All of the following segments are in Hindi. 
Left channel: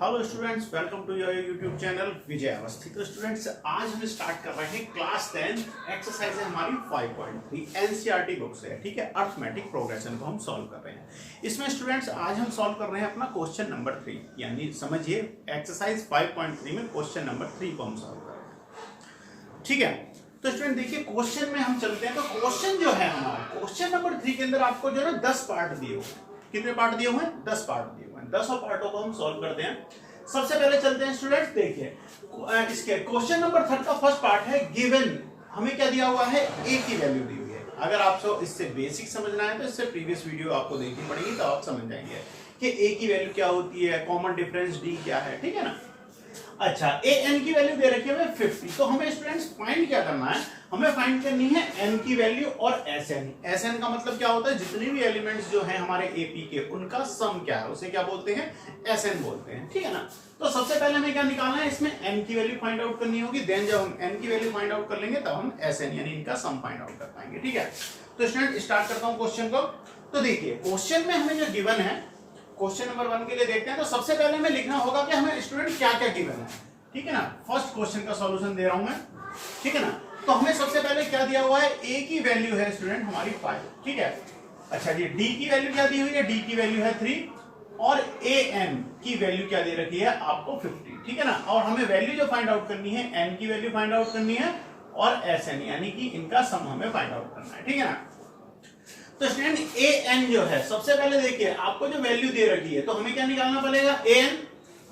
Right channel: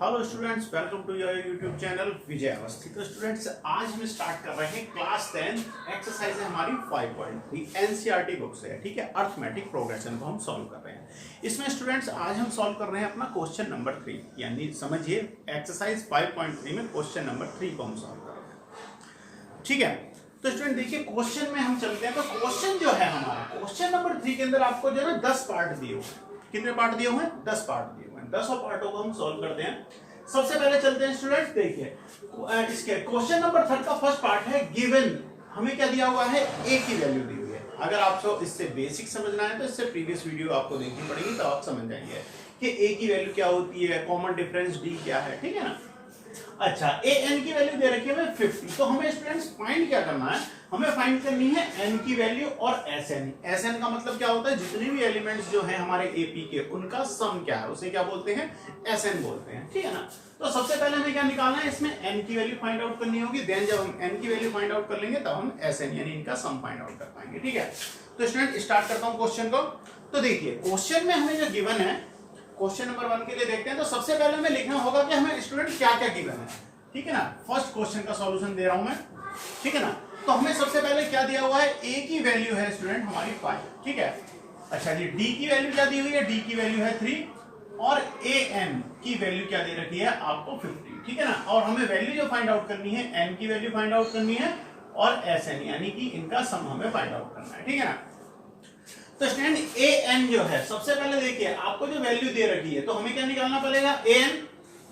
Hello students, welcome to your YouTube channel Vijay Awasthi. तो स्टूडेंट्स, आज हम स्टार्ट कर रहे हैं क्लास 10 एक्सरसाइज है हमारी 5.3 एनसीईआरटी बुक से। ठीक है, अर्थमेटिक प्रोग्रेशन को हम सॉल्व कर रहे हैं। इसमें स्टूडेंट्स आज हम सॉल्व कर रहे हैं अपना क्वेश्चन नंबर 3, यानी समझिए एक्सरसाइज 5.3 में क्वेश्चन नंबर 3 को हम सॉल्व कर रहे हैं। ठीक है, तो स्टूडेंट देखिए क्वेश्चन में हम चलते हैं। तो क्वेश्चन जो है हमारा क्वेश्चन नंबर 3 के अंदर आपको जो है 10 पार्ट दिए हुए हैं। कितने पार्ट दिए हुए हैं? 10 पार्ट दिए हुए हैं। 10 पार्टों को हम सॉल्व करते हैं। सबसे पहले चलते हैं स्टूडेंट्स, देखिए इसके क्वेश्चन नंबर 3 का फर्स्ट पार्ट है गिवन। हमें क्या दिया हुआ है? ए की वैल्यू दी हुई है। अगर आपको इससे बेसिक समझना है तो इससे प्रीवियस वीडियो आपको देखनी पड़ेगी, तो आप समझ जाएंगे कि ए की वैल्यू क्या होती है, कॉमन डिफरेंस डी क्या है। ठीक है ना। अच्छा, ए एन की वैल्यू दे रखी है हमें 50। तो हमें स्टूडेंट्स फाइंड क्या करना है? हमें फाइंड करनी है एन की वैल्यू और एस एन। एस एन का मतलब क्या होता है? जितने भी एलिमेंट्स जो हैं हमारे एपी के उनका सम क्या है, उसे क्या बोलते हैं? एस एन बोलते हैं। ठीक है ना। तो सबसे पहले हमें क्या निकालना है? इसमें एन की वैल्यू फाइंड आउट करनी होगी। देन जब हम एन की वैल्यू फाइंड आउट कर लेंगे तब हम एस एन यानी इनका सम फाइंड आउट कर पाएंगे। ठीक है, तो स्टूडेंट स्टार्ट करता हूं क्वेश्चन को। तो देखिए क्वेश्चन में हमें जो गिवन है, क्वेश्चन नंबर 1 के लिए देखते हैं। तो सबसे पहले हमें लिखना होगा कि हमें स्टूडेंट क्या क्या गिवन है। ठीक है ना। फर्स्ट क्वेश्चन का सॉल्यूशन दे रहा हूं मैं। ठीक है ना। तो हमें सबसे पहले क्या दिया हुआ है? ए की वैल्यू है स्टूडेंट हमारी 5। ठीक है। अच्छा जी, डी की वैल्यू क्या दी हुई है? डी की वैल्यू है 3 और ए एन की वैल्यू क्या दे रखी है आपको? 50। ठीक है ना। और हमें वैल्यू जो फाइंड आउट करनी है, एन की वैल्यू फाइंड आउट करनी है और एस एन यानी कि इनका सम हमें फाइंड आउट करना है। ठीक है ना। तो स्टूडेंट ए एन जो है, सबसे पहले देखिए आपको जो वैल्यू दे रखी है तो हमें क्या निकालना पड़ेगा? ए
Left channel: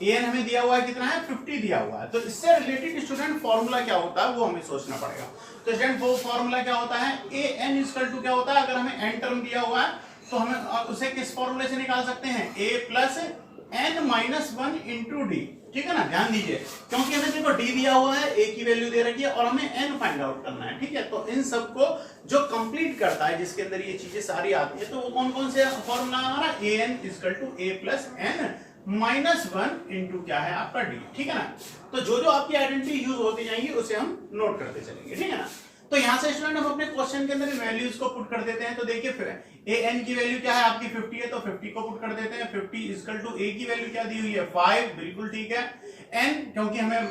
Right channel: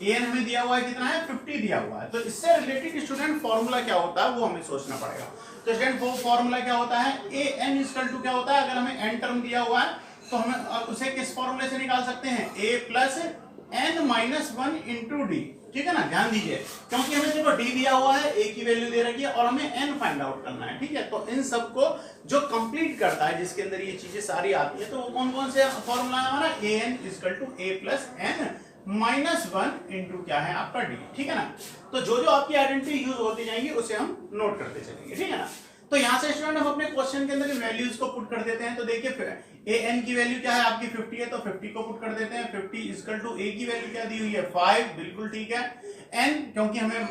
एन हमें दिया हुआ है कितना है? 50 दिया हुआ है। तो इससे रिलेटेड स्टूडेंट फॉर्मूला क्या होता है वो हमें सोचना पड़ेगा। तो स्टूडेंट वो फॉर्मूला क्या होता है? ए एन इक्वल टू क्या होता है? अगर हमें एन टर्म दिया हुआ है तो हमें उसे किस फॉर्मूले से निकाल सकते हैं? A plus n minus 1 into d. ठीक है ना। ध्यान दीजिए, क्योंकि हमें देखो डी दिया हुआ है, ए की वैल्यू दे रखी है और हमें एन फाइंड आउट करना है। ठीक है, तो इन सबको जो कंप्लीट करता है, जिसके अंदर ये चीजें सारी आती है, तो वो कौन कौन से फॉर्मूला है हमारा? A n equal to a plus n minus 1 into क्या है आपका डी। ठीक है ना। तो जो जो आपकी आइडेंटिटी यूज होती जाएंगी उसे हम नोट करते चलेंगे। ठीक है ना। तो यहां से स्टूडेंट हम अपने क्वेश्चन के अंदर वैल्यूज को पुट कर देते हैं। तो देखिए ए एन की वैल्यू क्या है आपकी? 50 है, तो 50 को पुट कर देते हैं। 50 इक्वल टू ए की वैल्यू क्या दी हुई है? 5। बिल्कुल ठीक है। एन क्योंकि हमें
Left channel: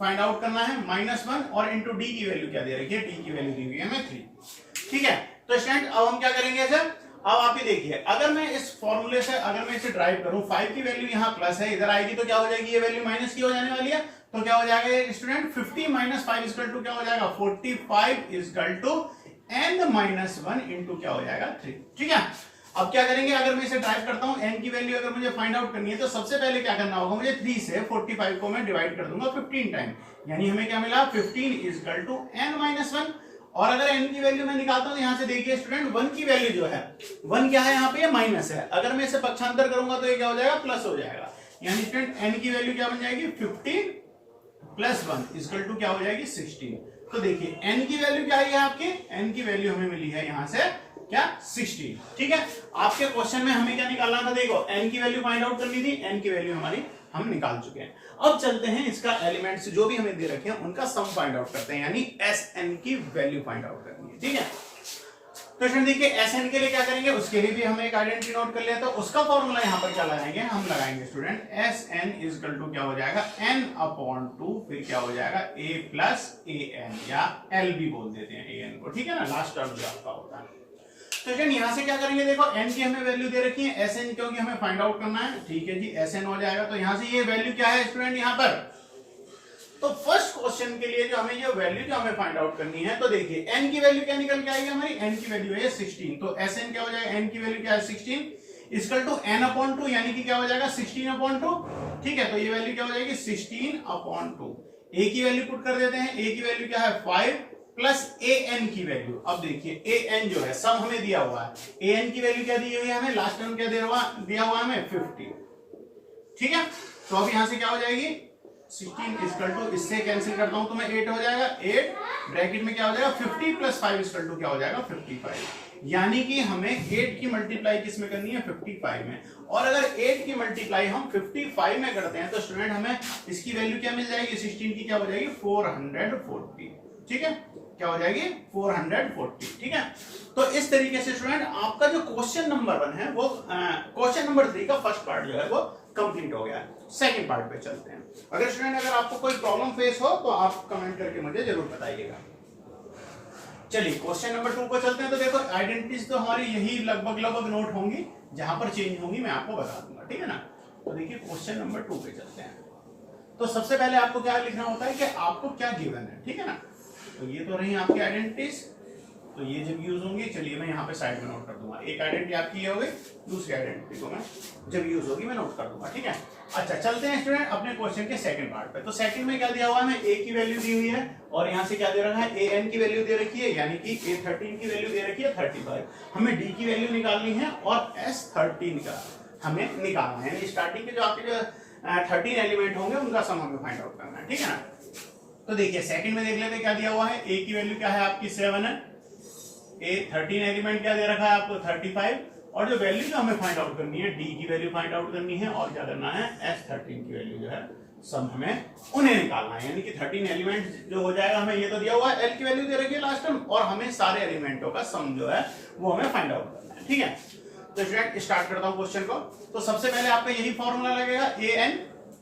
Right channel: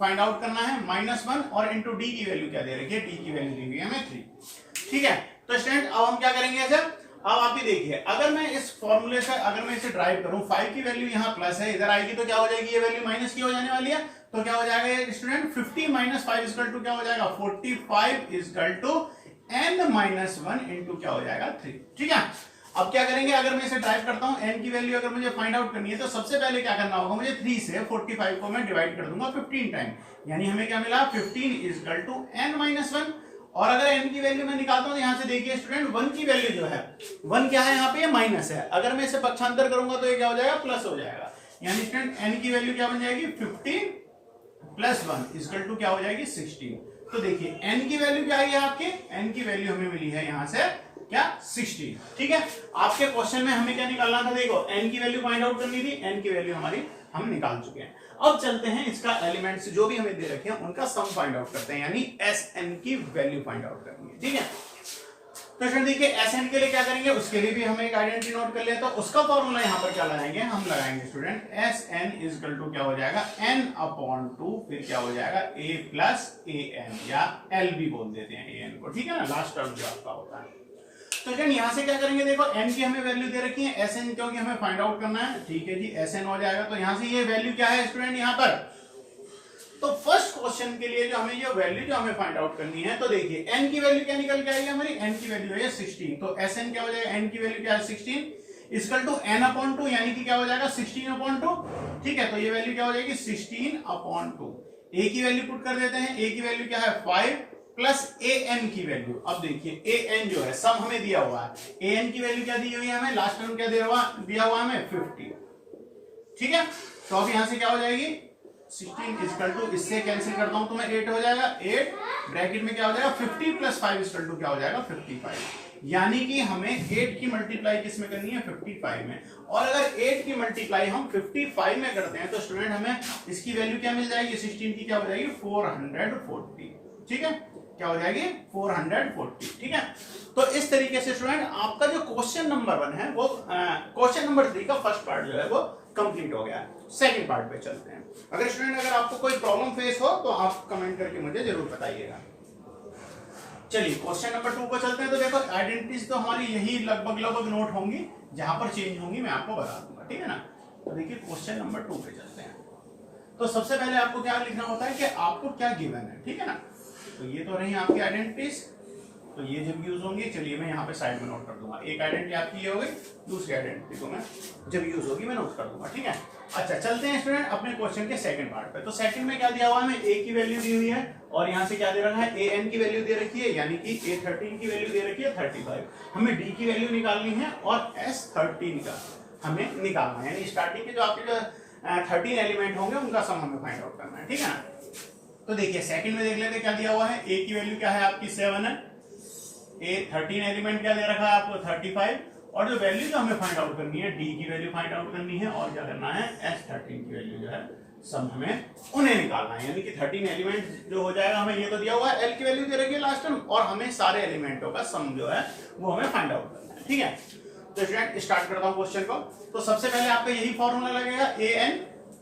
फाइंड आउट करना है माइनस 1 और इंटू डी की वैल्यू क्या दे रखी है? डी की वैल्यू दी हुई है हमें 3। ठीक है। तो स्टूडेंट अब हम क्या करेंगे ऐसे? अब आप ही देखिए, अगर मैं इस फॉर्मूले से अगर मैं इसे ड्राइव करूं, 5 की वैल्यू यहाँ प्लस है, इधर आएगी तो क्या हो जाएगी? ये वैल्यू माइनस की हो जाने वाली है। तो क्या हो जाएगा ये स्टूडेंट? 50 माइनस 5 इक्वल टू क्या हो जाएगा? 45 equal to n minus 1 into क्या हो जाएगा? 3। ठीक है। अब क्या करेंगे? अगर मैं इसे ड्राइव करता हूं, एन की वैल्यू अगर मुझे फाइंड आउट करनी है तो सबसे पहले क्या करना होगा मुझे? 3 से 45 को मैं डिवाइड कर दूंगा 15 टाइम, यानी हमें क्या मिला? 15 इक्वल टू एन माइनस 1। और अगर n की वैल्यू मैं निकालता हूं, यहां से देखिए स्टूडेंट 1 की वैल्यू जो है, 1 क्या है यहाँ पे? ये माइनस है। अगर मैं इसे पक्षांतर करूंगा तो ये क्या हो जाएगा? प्लस हो जाएगा। यानी स्टूडेंट n की वैल्यू क्या बन जाएगी? 15 प्लस 1 इक्वल टू क्या हो जाएगी? 16। तो देखिए n की वैल्यू क्या है आपकी? n की वैल्यू हमें मिली है यहां से क्या? 16। ठीक है। आपके क्वेश्चन में हमें क्या निकालना था? देखो n की वैल्यू फाइंड आउट करनी थी, n की वैल्यू हमारी हम निकाल चुके हैं। अब चलते हैं इसका एलिमेंट्स जो भी हमें दे रखे हैं उनका सम फाइंड आउट करते हैं, यानी एस एन की वैल्यू फाइंड आउट करनी है। ठीक है। तो स्टूडेंट देखिए एस एन के लिए क्या करेंगे, उसके लिए भी हमें एक आइडेंटिटी नोट कर लिया। तो उसका फॉर्मूला यहाँ पर क्या लगाएंगे? हम लगाएंगे student S n equal to क्या हो जाएगा? एन अपॉन 2, फिर क्या हो जाएगा? ए प्लस ए एन, या एल भी बोल देते हैं ए एन को। ठीक है ना, लास्ट टर्म जो आपका होता है। तो स्टूडेंट यहां से क्या करेंगे? देखो n की हमें वैल्यू दे रखी है, एस एन क्योंकि हमें फाइंड आउट करना है। ठीक है जी, एस एन हो जाएगा। तो यहां से ये वैल्यू क्या है स्टूडेंट यहां पर? तो फर्स्ट क्वेश्चन के लिए जो हमें ये वैल्यू जो हमें फाइंड आउट करनी है, तो देखिए n की वैल्यू क्या निकल के आएगी हमारी? n की वैल्यू है 16। तो एस एन क्या हो जाएगा? n की वैल्यू क्या है? 16 इक्वल टू एन अपॉन 2, यानी कि क्या हो जाएगा? 16 अपॉन 2। ठीक है। तो ये वैल्यू क्या हो जाएगी? 16 अपॉन 2। ए की वैल्यू पुट कर देते हैं। ए की वैल्यू क्या है? 5 प्लस ए एन की वैल्यू। अब देखिए ए एन जो है सम हमें दिया हुआ है, ए एन की वैल्यू क्या दी हुई है हमें? लास्ट टर्म क्या दिया हुआ है हमें? 50। ठीक है। तो अब यहां से क्या हो जाएगी? 16 इक्वल टू, इससे कैंसिल करता हूं तो मैं 8 हो जाएगा। 8 ब्रैकेट में क्या हो जाएगा? 50 प्लस 5 इक्वल टू क्या हो जाएगा? 55। यानी कि हमें 8 की मल्टीप्लाई किस में करनी है? 55 में। और अगर 8 की मल्टीप्लाई हम 55 में करते हैं तो स्टूडेंट हमें इसकी वैल्यू क्या मिल जाएगी? 16 की क्या हो जाएगी? 440। ठीक है। क्या हो जाएगी 440। ठीक है, तो इस तरीके से स्टूडेंट आपका जो क्वेश्चन नंबर 1 है वो क्वेश्चन नंबर 3 का फर्स्ट पार्ट जो है वो कंप्लीट हो गया है। सेकंड पार्ट पे चलते हैं। अगर आपको कोई प्रॉब्लम फेस हो तो आप कमेंट करके मुझे जरूर बताइएगा। चलिए क्वेश्चन नंबर 2 को चलते हैं। तो देखो आइडेंटिटीज तो हमारी यही लगभग नोट होंगी, जहां पर चेंज होंगी मैं आपको बता दूंगा, ठीक है ना। तो देखिए क्वेश्चन नंबर 2 पे चलते हैं। तो सबसे पहले आपको क्या लिखना होता है कि आपको क्या गिवन है, ठीक है ना। तो ये तो रही आपकी आइडेंटिटीज, तो ये जब यूज होंगी, चलिए मैं यहाँ पे साइड में नोट कर दूंगा। एक आइडेंटिटी आपकी ये हो गई, दूसरी आइडेंटिटी को मैं जब यूज होगी मैं नोट कर दूंगा, ठीक है। अच्छा चलते हैं स्टूडेंट अपने क्वेश्चन के सेकंड पार्ट पे। तो सेकंड में क्या दिया हुआ है, हमें a की वैल्यू दी हुई है और यहाँ से क्या दे रखा है, an की वैल्यू दे रखी है, यानी कि a13 की वैल्यू दे रखी है 35। हमें d की वैल्यू निकालनी है और s13 का हमें निकालना है, स्टार्टिंग के जो आपके जो 13 एलिमेंट होंगे उनका सम हमें फाइंड आउट करना है, ठीक है ना। तो देखिए सेकंड में देख लेते हैं क्या दिया हुआ है। a की वैल्यू क्या है आपकी 7 है, a13 एलिमेंट क्या दे रखा है आपको 35, और जो वैल्यू जो हमें फाइंड आउट करनी है d की वैल्यू फाइंड आउट करनी है, और क्या करना है s13 की वैल्यू जो है सम हमें उन्हें निकालना है। यानी कि 13 एलिमेंट जो हो जाएगा, हमें ये तो दिया हुआ है l की वैल्यू दे रखी है लास्ट टाइम, और हमें सारे एलिमेंटों का सम जो है वो हमें फाइंड आउट करना है, ठीक है। तो स्टूडेंट स्टार्ट करता हूं क्वेश्चन को। तो सबसे पहले आपका यही फॉर्मूला लगेगा an,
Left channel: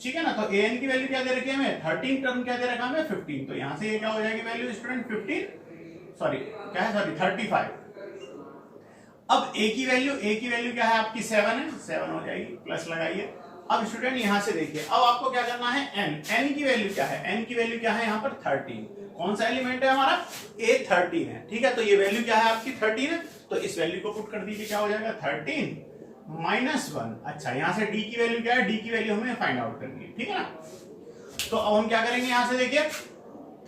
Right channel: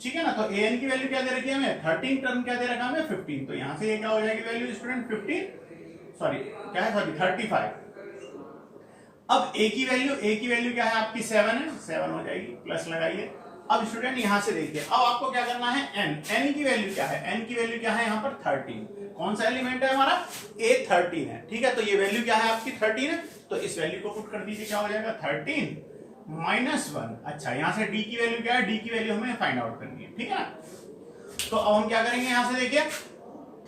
ठीक है ना। तो an की वैल्यू क्या दे रखी है हमें 13, टर्म क्या दे रखा है हमें 15। तो यहां से ये क्या हो जाएगी वैल्यू स्टूडेंट 15, सॉरी क्या है, सॉरी 35। अब a की वैल्यू क्या है आपकी 7 है, 7 हो जाएगी, प्लस लगाइए। अब स्टूडेंट यहां से देखिए, अब आपको क्या करना है n की वैल्यू क्या है, n की वैल्यू क्या है यहाँ पर 13। कौन सा एलिमेंट है हमारा, a13 है, ठीक है। तो ये वैल्यू क्या है आपकी 13 है, तो इस वैल्यू को पुट कर दीजिए, क्या हो जाएगा 13 -1। अच्छा यहाँ से d की वैल्यू क्या है, d की वैल्यू हमें फाइंड आउट करनी है, ठीक है ना। तो अब हम क्या करेंगे, यहाँ से देखिए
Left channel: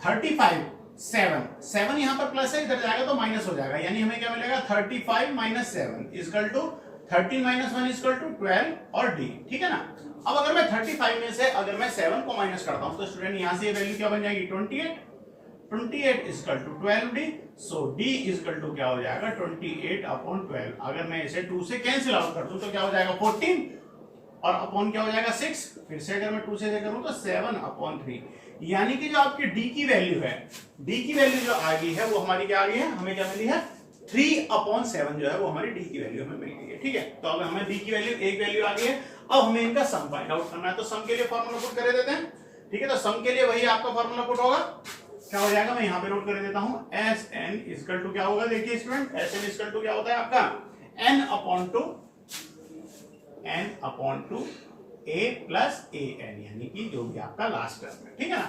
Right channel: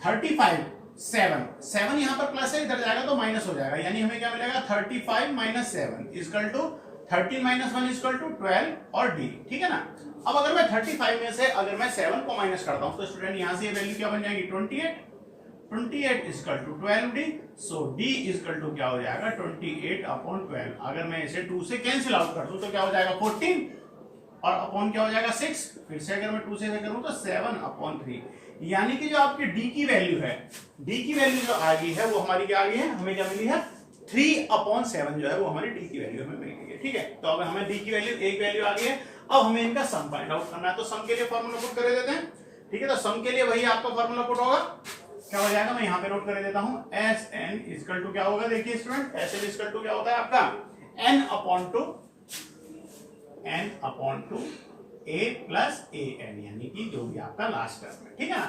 35 7 यहाँ पर प्लस है, इधर जाएगा तो माइनस हो जाएगा, यानी हमें क्या मिलेगा 35 - 7 इक्वल टू 13 - 1 इक्वल टू 12 और d, ठीक है ना। अब अगर मैं 35 में से अगर मैं 7 को माइनस करता हूं तो स्टूडेंट यहां से ये वैल्यू क्या बन जाएगी 28 equal to 12d। So d equal to क्या हो जाएगा 28/12। अगर मैं इसे 2 से कैंसिल आउट कर दूं तो क्या हो जाएगा 14, और अपॉन क्या हो जाएगा 6। फिर से अगर मैं 2 से करूं तो 7/3। यानी कि जो आपकी d की वैल्यू है, d की वैल्यू जो आ गई है वो हमारी क्या आ गई है, हमें क्या मिली है 3/7 जो है वो हमारी d की वैल्यू हमें मिल गई है, ठीक है। तो अब हमें d की वैल्यू एक वैल्यू आ गई है, अब हमें इनका सम फाइंड आउट करना है। तो सम के लिए फॉर्मूला पुट कर देते हैं, ठीक है। तो सम के लिए वही आपका फॉर्मूला पुट होगा, क्या हो जाएगा मैं यहाँ पे नोट कर देता हूँ, Sn इक्वल टू क्या होगा, देखिए स्टूडेंट Sn इक्वल टू क्या होता है आपका n/2 a प्लस an, यानी कि जो भी आपका लास्ट टर्म है, ठीक है ना।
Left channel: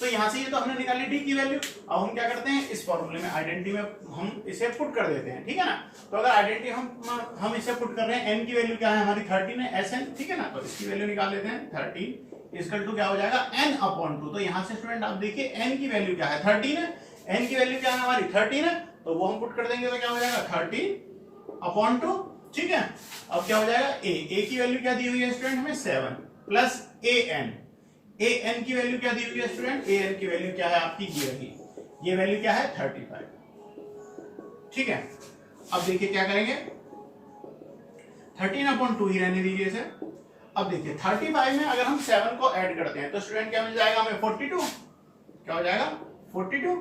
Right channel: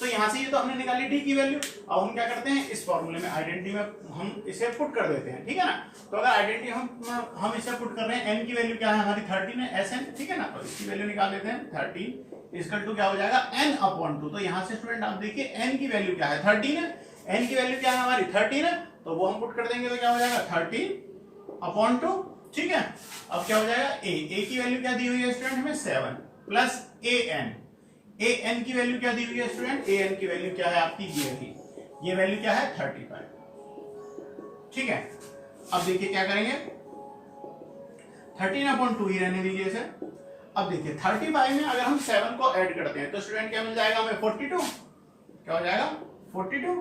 तो यहां से ये तो हमने निकाली d की वैल्यू। अब हम क्या करते हैं, इस फॉर्मूले में आइडेंटिटी में हम इसे पुट कर देते हैं, ठीक है ना। तो अगर आइडेंटिटी हम इसे पुट कर रहे हैं, n की वैल्यू क्या है हमारी 13 है Sn, ठीक है ना। तो इसकी वैल्यू निकाल लेते हैं 13 इक्वल टू क्या हो जाएगा n/2। तो यहां से स्टूडेंट आप देखिए n की वैल्यू क्या है 13 है, n की वैल्यू क्या है हमारी 13 है, तो वो हम पुट कर देंगे तो क्या हो जाएगा 13/2, ठीक है। अब क्या हो जाएगा a की वैल्यू क्या दी हुई है स्टूडेंट हमें 7 प्लस an की वैल्यू क्या दी हुई है स्टूडेंट, an की वैल्यू क्या है आपकी ये वैल्यू क्या है 35, ठीक है। अब देखिए क्या करेंगे 13/2 ही रहने दीजिए इसे। अब देखिए 35 में अगर हम 7 को ऐड करते हैं तो स्टूडेंट क्या मिल जाएगा हमें 42, क्या हो जाएगा 42।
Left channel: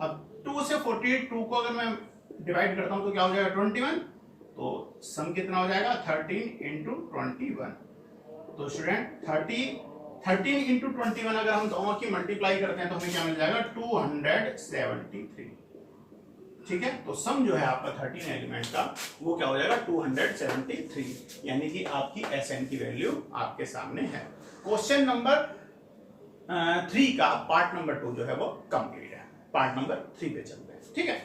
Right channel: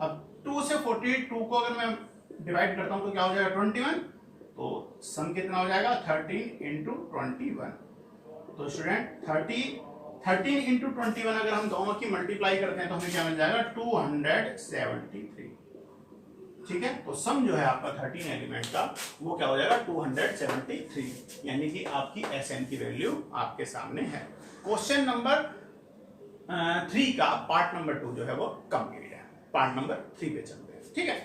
अब 2 से 42 को अगर मैं डिवाइड करता हूं तो क्या हो जाएगा 21। तो सम कितना हो जाएगा 13 × 21। तो स्टूडेंट 13 × 21 अगर हम दोनों की मल्टीप्लाई करते हैं तो हमें क्या मिल जाएगा 273, ठीक है। तो सम जो है आपका 13 एलिमेंट का वो क्या हो जाएगा 273, यानी कि आपकी Sn की वैल्यू आपके सामने है। क्वेश्चन नंबर 3 का पार्ट नंबर 2 जो है वो कंप्लीट है। पार्ट नंबर 3 पे चलते हैं, ठीक है।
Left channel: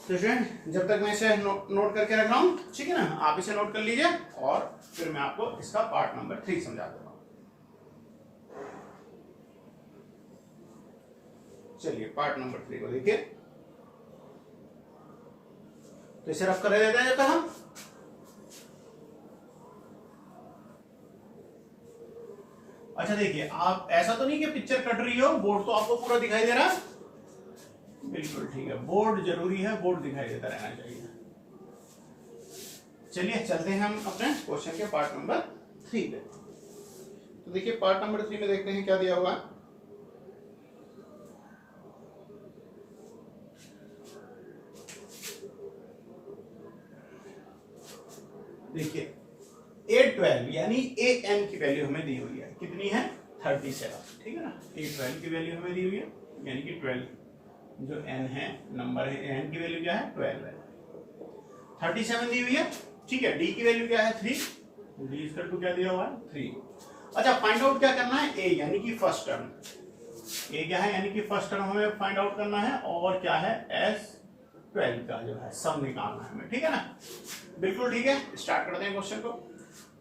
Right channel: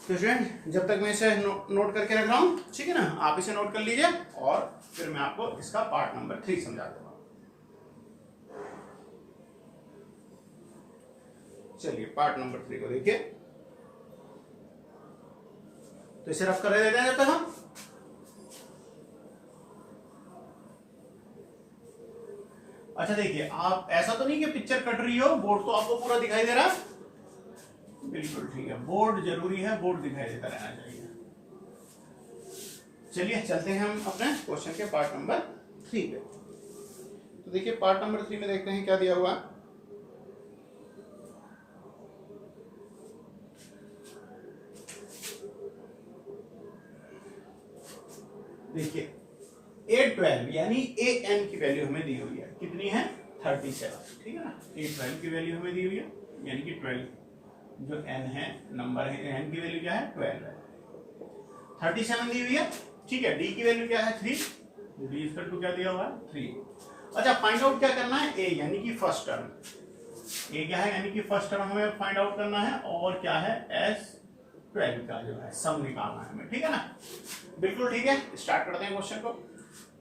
तो स्टूडेंट जब तक मैं इसे नोट करके रख रहा हूं, ठीक है ना, आप इसे नोट कर लीजिए और फिर मैं आपको इसका पार्ट नंबर 3 समझा दूंगा। चलिए पार्ट नंबर 3 को देखिए, तो इसे रफ कर देते हैं जब तक हम। अच्छा देखिए, आप ऐसा तो नहीं कि पिक्चर कट रही हो, बोर्ड तो आपको पूरा दिखाई दे रहा है, बिल्कुल ठीक है, बोर्ड जरूरी है, बोर्ड दिखाई देता रहना चाहिए। चलिए चलते हैं हम अपने क्वेश्चन के पार्ट नंबर 3 पे। तो देखिए पार्ट नंबर 3 में देखते हैं क्या दिया हुआ। देखिए A12 यानी AN की वैल्यू हमें दी हुई है, कितनी है 37, ठीक है ना। A12 की वैल्यू हमें दी हुई है यानी कि 12 जो n है नंबर है, n की वैल्यू क्या है 12 है, 37 दी हुई है, ठीक है। D की वैल्यू क्या है 3, D इसका टू क्या दिया हुआ है 3। अच्छा फाइंड आउट क्या करना है, A यानी कि फर्स्ट टर्म, A क्या है यानी कि फर्स्ट टर्म हमें फाइंड आउट करना है, और क्या है S12 का जो है सम निकालना है हमें, ठीक है ना। बिल्कुल ठीक है, स्टार्ट करते हैं क्वेश्चन को।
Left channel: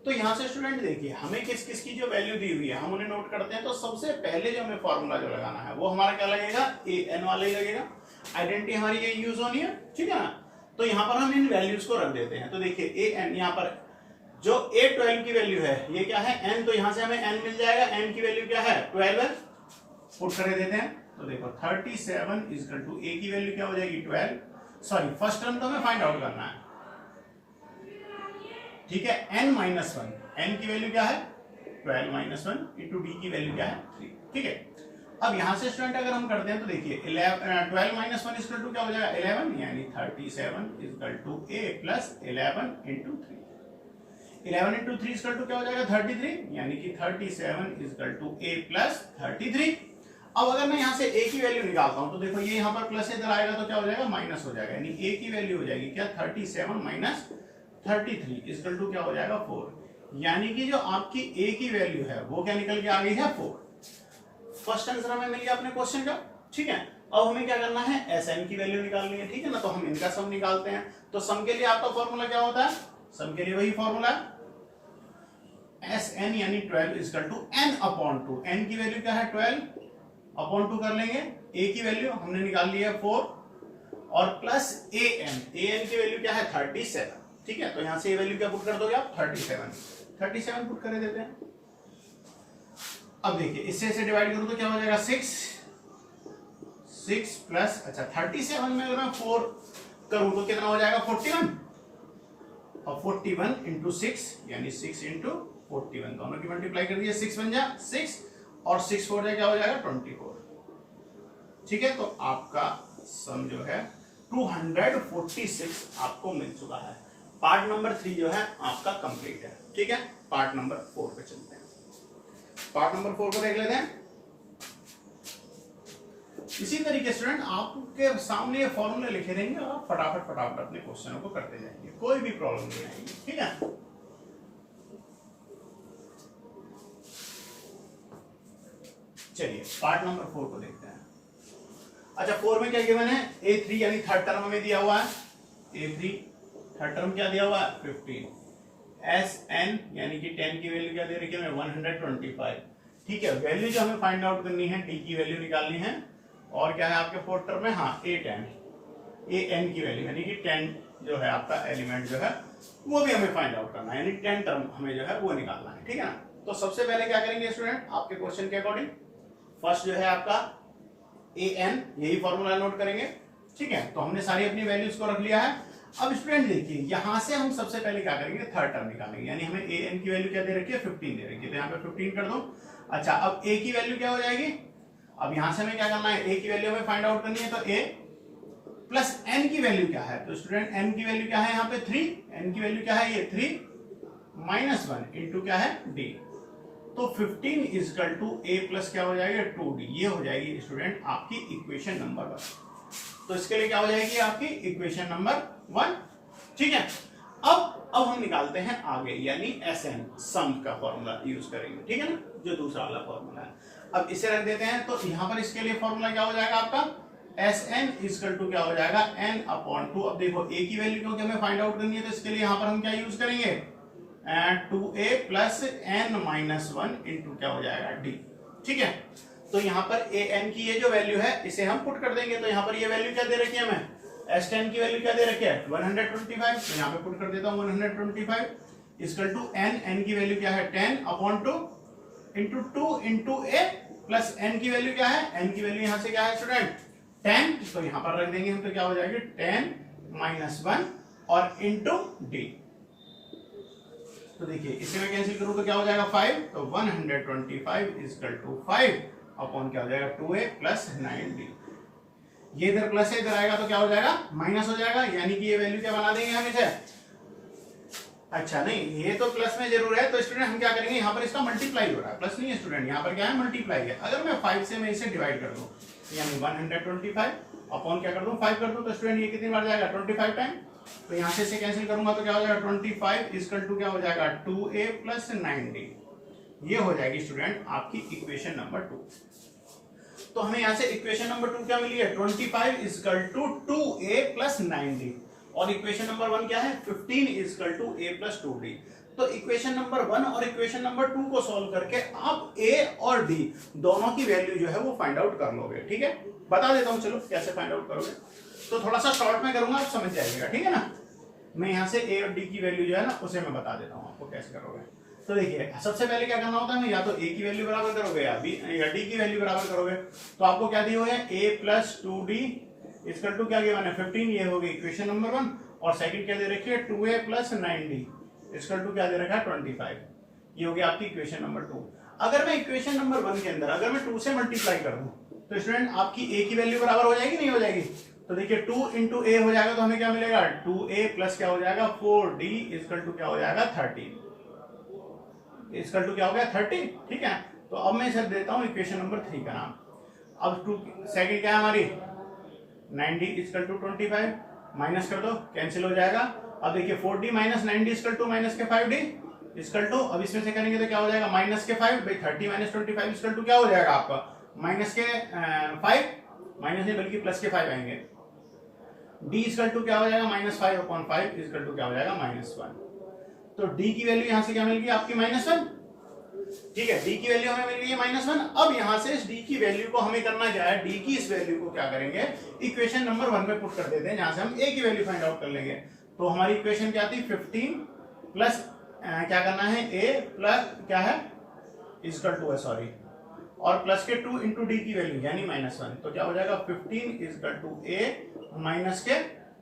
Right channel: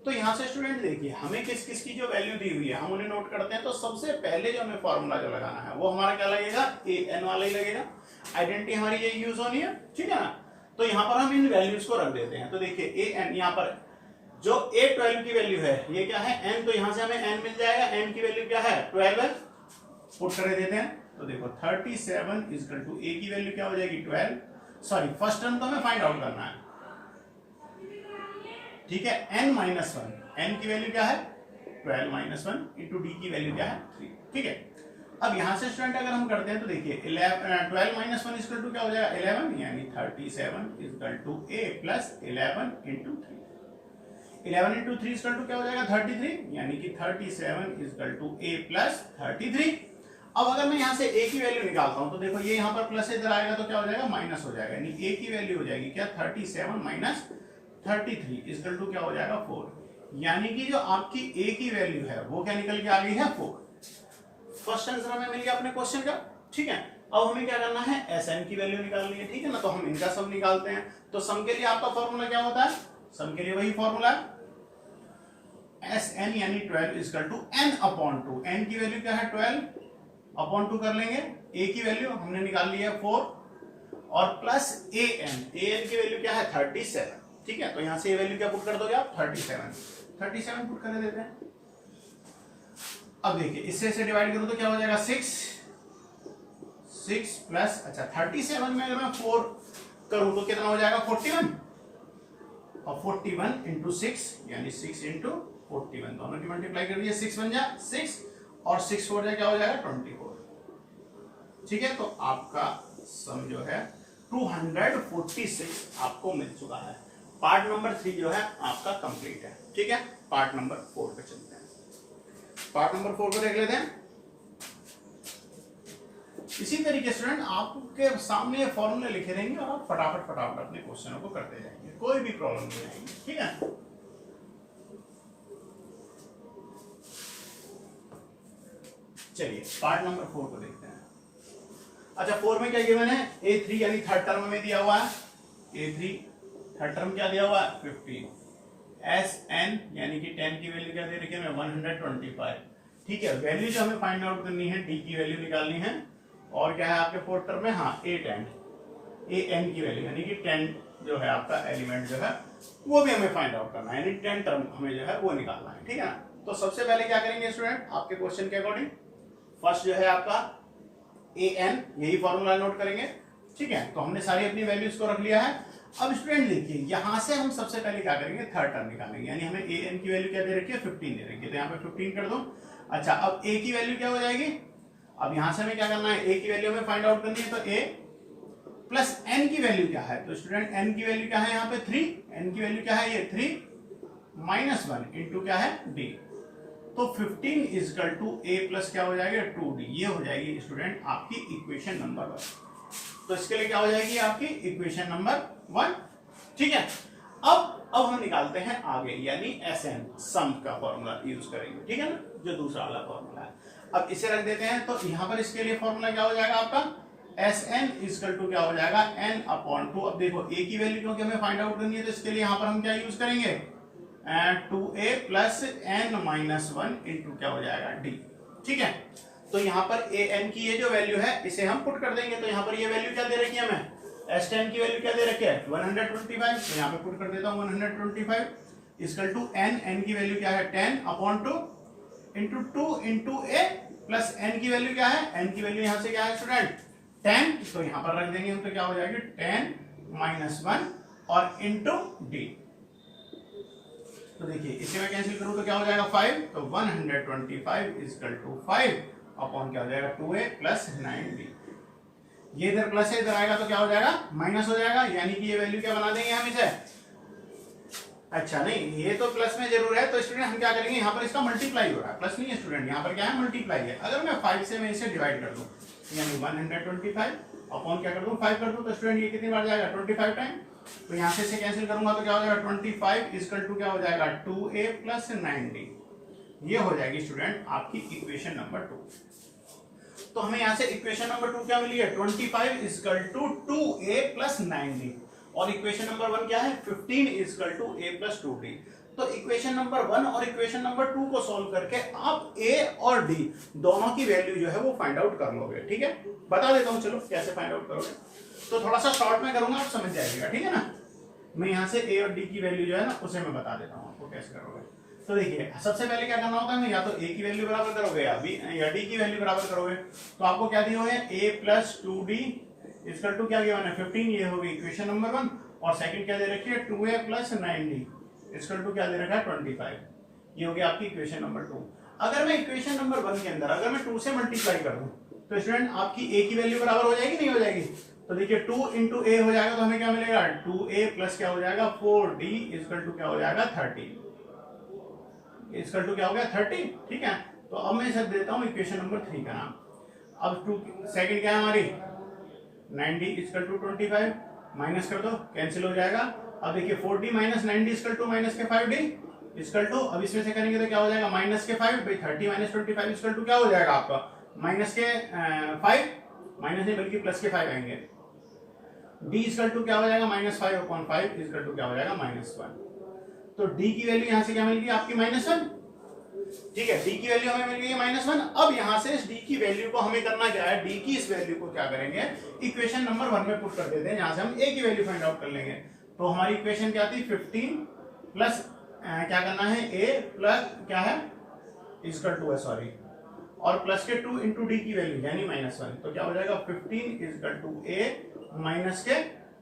तो यहाँ से स्टूडेंट देखिए हमें किस किस की जो वैल्यू दी हुई है हम उन्हें नोट करते हैं। तो सबसे पहले जो हमें फॉर्मूला जो लगाना है वो हमारा क्या लगेगा, AN वाला ही लगेगा, आइडेंटिटी हमारी ये यूज होनी है, ठीक है ना। तो यहाँ पर हम इन वैल्यूज को रख देते हैं। तो देखिए AN यहाँ पर जो A12 की वैल्यू है ये क्या है N, तो यहाँ से हमें N मिल जाएगा, N की वैल्यू क्या है 12 है, पुट कर देते हैं। तो देखो 37 इक्वल टू A की वैल्यू क्या हो जाएगी 12, सॉरी फर्स्ट टर्म तो हमें फाइंड आउट करना है, ठीक है। n माइनस वन, n की वैल्यू क्या है 12 माइनस वन इंटू डी की वैल्यू क्या है 3, ठीक है। अब यहां से स्टूडेंट अगर हम करते हैं तो देखिए 12 माइनस वन इक्वल टू क्या हो जाएगा 11, यानी 37 equal to a plus 11 into 3, 11 into 3 equal to क्या हो जाएगा 33, यानी कि 37 इक्वल टू a प्लस 33। अब अगर मैं यहाँ से a की वैल्यू निकालता हूं तो देखो ये यहाँ पर प्लस इधर आएगा तो क्या हो जाएगा माइनस हो जाएगा, यानी a की वैल्यू हो जाएगी क्या 37 माइनस 33 इक्वल टू क्या हो जाएगा 4, यानी कि जो आपकी a की वैल्यू है वो क्या निकल के आ गई है 4। फर्स्ट आंसर हमें मिल गया अपने क्वेश्चन का, ठीक है। अब हमें क्या करना है SN की वैल्यू निकालनी है, ठीक है ना। तो हम इनका सम निकालते हैं। तो सम के लिए आपका फॉर्मूला क्या होता है, सम के लिए वही फॉर्मूला SN यानी 12 equal to n upon 2, n की वैल्यू क्या है 12 अपॉन 2 कर लेंगे, a की वैल्यू हमने निकाल ली है 4 और प्लस AN की वैल्यू क्या है 37, ठीक है। तो यहां से ये वैल्यू क्या पुट कर दोगे आप 37 पुट कर देते हैं। अब देखिए इससे इसे डिवाइड करो तो क्या हो जाएगा 6 प्लस, अच्छा 37 में अगर मैं 4 करूं तो कितना हो जाएगा 41, और 41 इंटू 6 यानी 6 इंटू 41 दोनों की मल्टीप्लाई कर दिया, 6 बन जाए 6 और 6 4 जाए क्या हो जाएगा 24, ठीक है। तो आपका सम जो है 246 आपको मिल चुका है। पार्ट नंबर 3 जो है आपका कंप्लीट है, ठीक है। पार्ट नंबर 4 पे चलते हैं। पार्ट नंबर 4 को देख लेते हैं। इसी तरीके स्टूडेंट आपके सामने फॉर्मूले लिखे रहेंगे और आप फटाफट अपने क्वेश्चनों को करते जाएंगे, कोई भी प्रॉब्लम नहीं आएगी, ठीक है। चलिए पार्ट नंबर 4 को देखते हैं। अच्छा 4 में क्या गिवन है, A3 यानी थर्ड टर्म में दिया हुआ है, A3 थर्ड टर्म क्या दिया हुआ है 15, SN यानी कि 10 की वैल्यू क्या दे रखी है हमें 125, ठीक है। वैल्यू जो हमें फाइंड आउट करनी है D की वैल्यू निकालनी है, और क्या है आपके फोर्थ टर्म में हाँ A10 AN की वैल्यू यानी कि 10 जो है आपका एलिमेंट जो है वो भी हमें फाइंड आउट करना है, यानी 10 टर्म हमें जो है वो निकालना है, ठीक है ना। तो सबसे पहले क्या करेंगे स्टूडेंट आपके क्वेश्चन के अकॉर्डिंग, फर्स्ट जो है आपका AN यही फॉर्मूला नोट करेंगे, ठीक है। तो हमने सारी अपनी वैल्यूज को रख लिया है। अब स्टूडेंट देखिए यहां से हम सबसे पहले क्या करेंगे थर्ड टर्म निकालेंगे, यानी हमें AN की वैल्यू क्या दे रखी है 15 दे रखी है, तो यहाँ पे 15 कर दो। अच्छा अब A की वैल्यू क्या हो जाएगी, अब यहां से हमें क्या करना है A की वैल्यू हमें फाइंड आउट करनी है, तो A प्लस N की वैल्यू क्या है, तो स्टूडेंट N की वैल्यू क्या है यहाँ पे 3, N की वैल्यू क्या है ये 3 माइनस 1 इंटू क्या है D, तो 15 इक्वल टू A प्लस क्या हो जाएगा 2D, ये हो जाएगी स्टूडेंट आपकी इक्वेशन नंबर 1। तो इसके लिए क्या हो जाएगी आपकी इक्वेशन नंबर 1, ठीक है। अब हम निकालते हैं आगे, यानी SN सम का फॉर्मूला यूज करेंगे, ठीक है ना, जो दूसरा वाला फॉर्मूला है। अब इसे रख देते हैं, तो यहां पर इसके लिए फॉर्मूला क्या हो जाएगा आपका SN इक्वल टू क्या हो जाएगा n अपॉन 2। अब देखो A की वैल्यू क्योंकि हमें फाइंड आउट करनी है, तो इसके लिए यहां पर हम क्या यूज करेंगे 2A plus n minus 1 into क्या हो जाएगा D, ठीक है। तो यहाँ पर AN की ये जो वैल्यू है इसे हम पुट कर देंगे, तो यहाँ पर ये वैल्यू क्या दे रखी है हमें S10 की वैल्यू क्या दे रखी है 125, तो यहाँ पे पुट कर देता हूँ 125 इक्वल टू n की वैल्यू क्या है 10 upon 2 into 2 into A plus n की वैल्यू क्या है, n की वैल्यू यहाँ से क्या है स्टूडेंट 10, तो यहाँ पर रख देंगे हम, तो क्या हो जाएगी 10 माइनस 1 और इंटू D। तो देखिए इसे मैं कैंसिल करूं तो क्या हो जाएगा 5, तो 125 इक्वल टू 5 अपॉन क्या हो जाएगा 2A प्लस 9D। ये इधर प्लस है, इधर आएगा तो क्या हो जाएगा माइनस हो जाएगा, यानी कि ये वैल्यू क्या बना देंगे हम इसे अच्छा नहीं, ये तो प्लस में जरूर है, तो स्टूडेंट हम क्या करेंगे, यहाँ पर इसका मल्टीप्लाई हो रहा है, प्लस नहीं है स्टूडेंट, यहाँ पर क्या है मल्टीप्लाई है। अगर मैं 5 से मैं इसे डिवाइड कर दूं, यानी 125 अपॉन क्या कर दूं 5 कर दूं, तो स्टूडेंट ये कितनी बार जाएगा 25 टाइम। तो यहाँ से इसे कैंसिल करूंगा तो क्या हो जाएगा 25 इक्वल टू क्या हो जाएगा 2a प्लस 9d। ये हो जाएगी स्टूडेंट आपकी इक्वेशन नंबर 2। तो हमें यहाँ से इक्वेशन नंबर 2 क्या मिली है 25 equal to 2a plus 9d, और इक्वेशन नंबर 1 क्या है 15 equal to a plus 2d। तो इक्वेशन नंबर 1 और इक्वेशन नंबर 2 को सॉल्व करके आप a और d दोनों की वैल्यू जो है वो फाइंड आउट कर लोगे। ठीक है, बता देता हूं चलो कैसे फाइंड आउट करोगे, तो थोड़ा सा शॉर्ट में करूंगा, आप समझ जाएगा। ठीक है ना, मैं यहाँ से a और d की वैल्यू जो है ना उसे मैं बता देता हूँ आपको कैसे करोगे। तो देखिए सबसे पहले क्या करना होता है, या तो a की वैल्यू बराबर करोगे या d की वैल्यू बराबर करोगे। तो आपको क्या दिया है a plus 2d equal to क्या गिवन है 15, ये होगी इक्वेशन नंबर 1, और सेकंड क्या दे रखी है 2a plus 9d equal to क्या दे रखा है 25, ये हो गया आपकी इक्वेशन नंबर 2। अगर मैं इक्वेशन नंबर 1 के अंदर अगर मैं 2 से मल्टीप्लाई कर दूं तो स्टूडेंट आपकी a की वैल्यू बराबर हो जाएगी नहीं हो जाएगी। तो देखिए 2 इंटू a हो जाएगा, तो हमें क्या मिलेगा 2a प्लस क्या हो जाएगा 4d इक्वल टू क्या हो जाएगा 30, इक्वल टू क्या हो गया 30। ठीक है, तो अब मैं इसे देता हूं इक्वेशन नंबर 3 का नाम। अब 2 सेकंड क्या है हमारी 9d इक्वल टू 25, माइनस कर दो कैंसिल हो जाएगा। अब देखिए 4d minus 9d equal to minus के 5d इक्वल टू, अब इसमें से करेंगे तो क्या हो जाएगा माइनस के 5, भाई 30 माइनस 25 इक्वल टू क्या हो जाएगा आपका माइनस के 5, माइनस नहीं बल्कि प्लस के 5 आएंगे। d इक्वल टू क्या हो जाएगा माइनस 5 अपॉन 5 इक्वल टू क्या हो जाएगा -1। तो d की वैल्यू यहां से क्या मिल गई आपकी -1। ठीक है, d की वैल्यू हमें मिल गई है -1। अब यहां से इस d की वैल्यू को हमें करना क्या है, d की इस वैल्यू को क्या करेंगे इक्वेशन नंबर 1 में पुट कर देते हैं, जहां से हम a की वैल्यू फाइंड आउट कर लेंगे। तो हमारी इक्वेशन क्या थी 15 प्लस क्या करना है a प्लस क्या है इक्वल टू है सॉरी, और प्लस के 2 इंटू डी की वैल्यू यानी -1, तो क्या हो जाएगा 15 इक्वल टू a माइनस के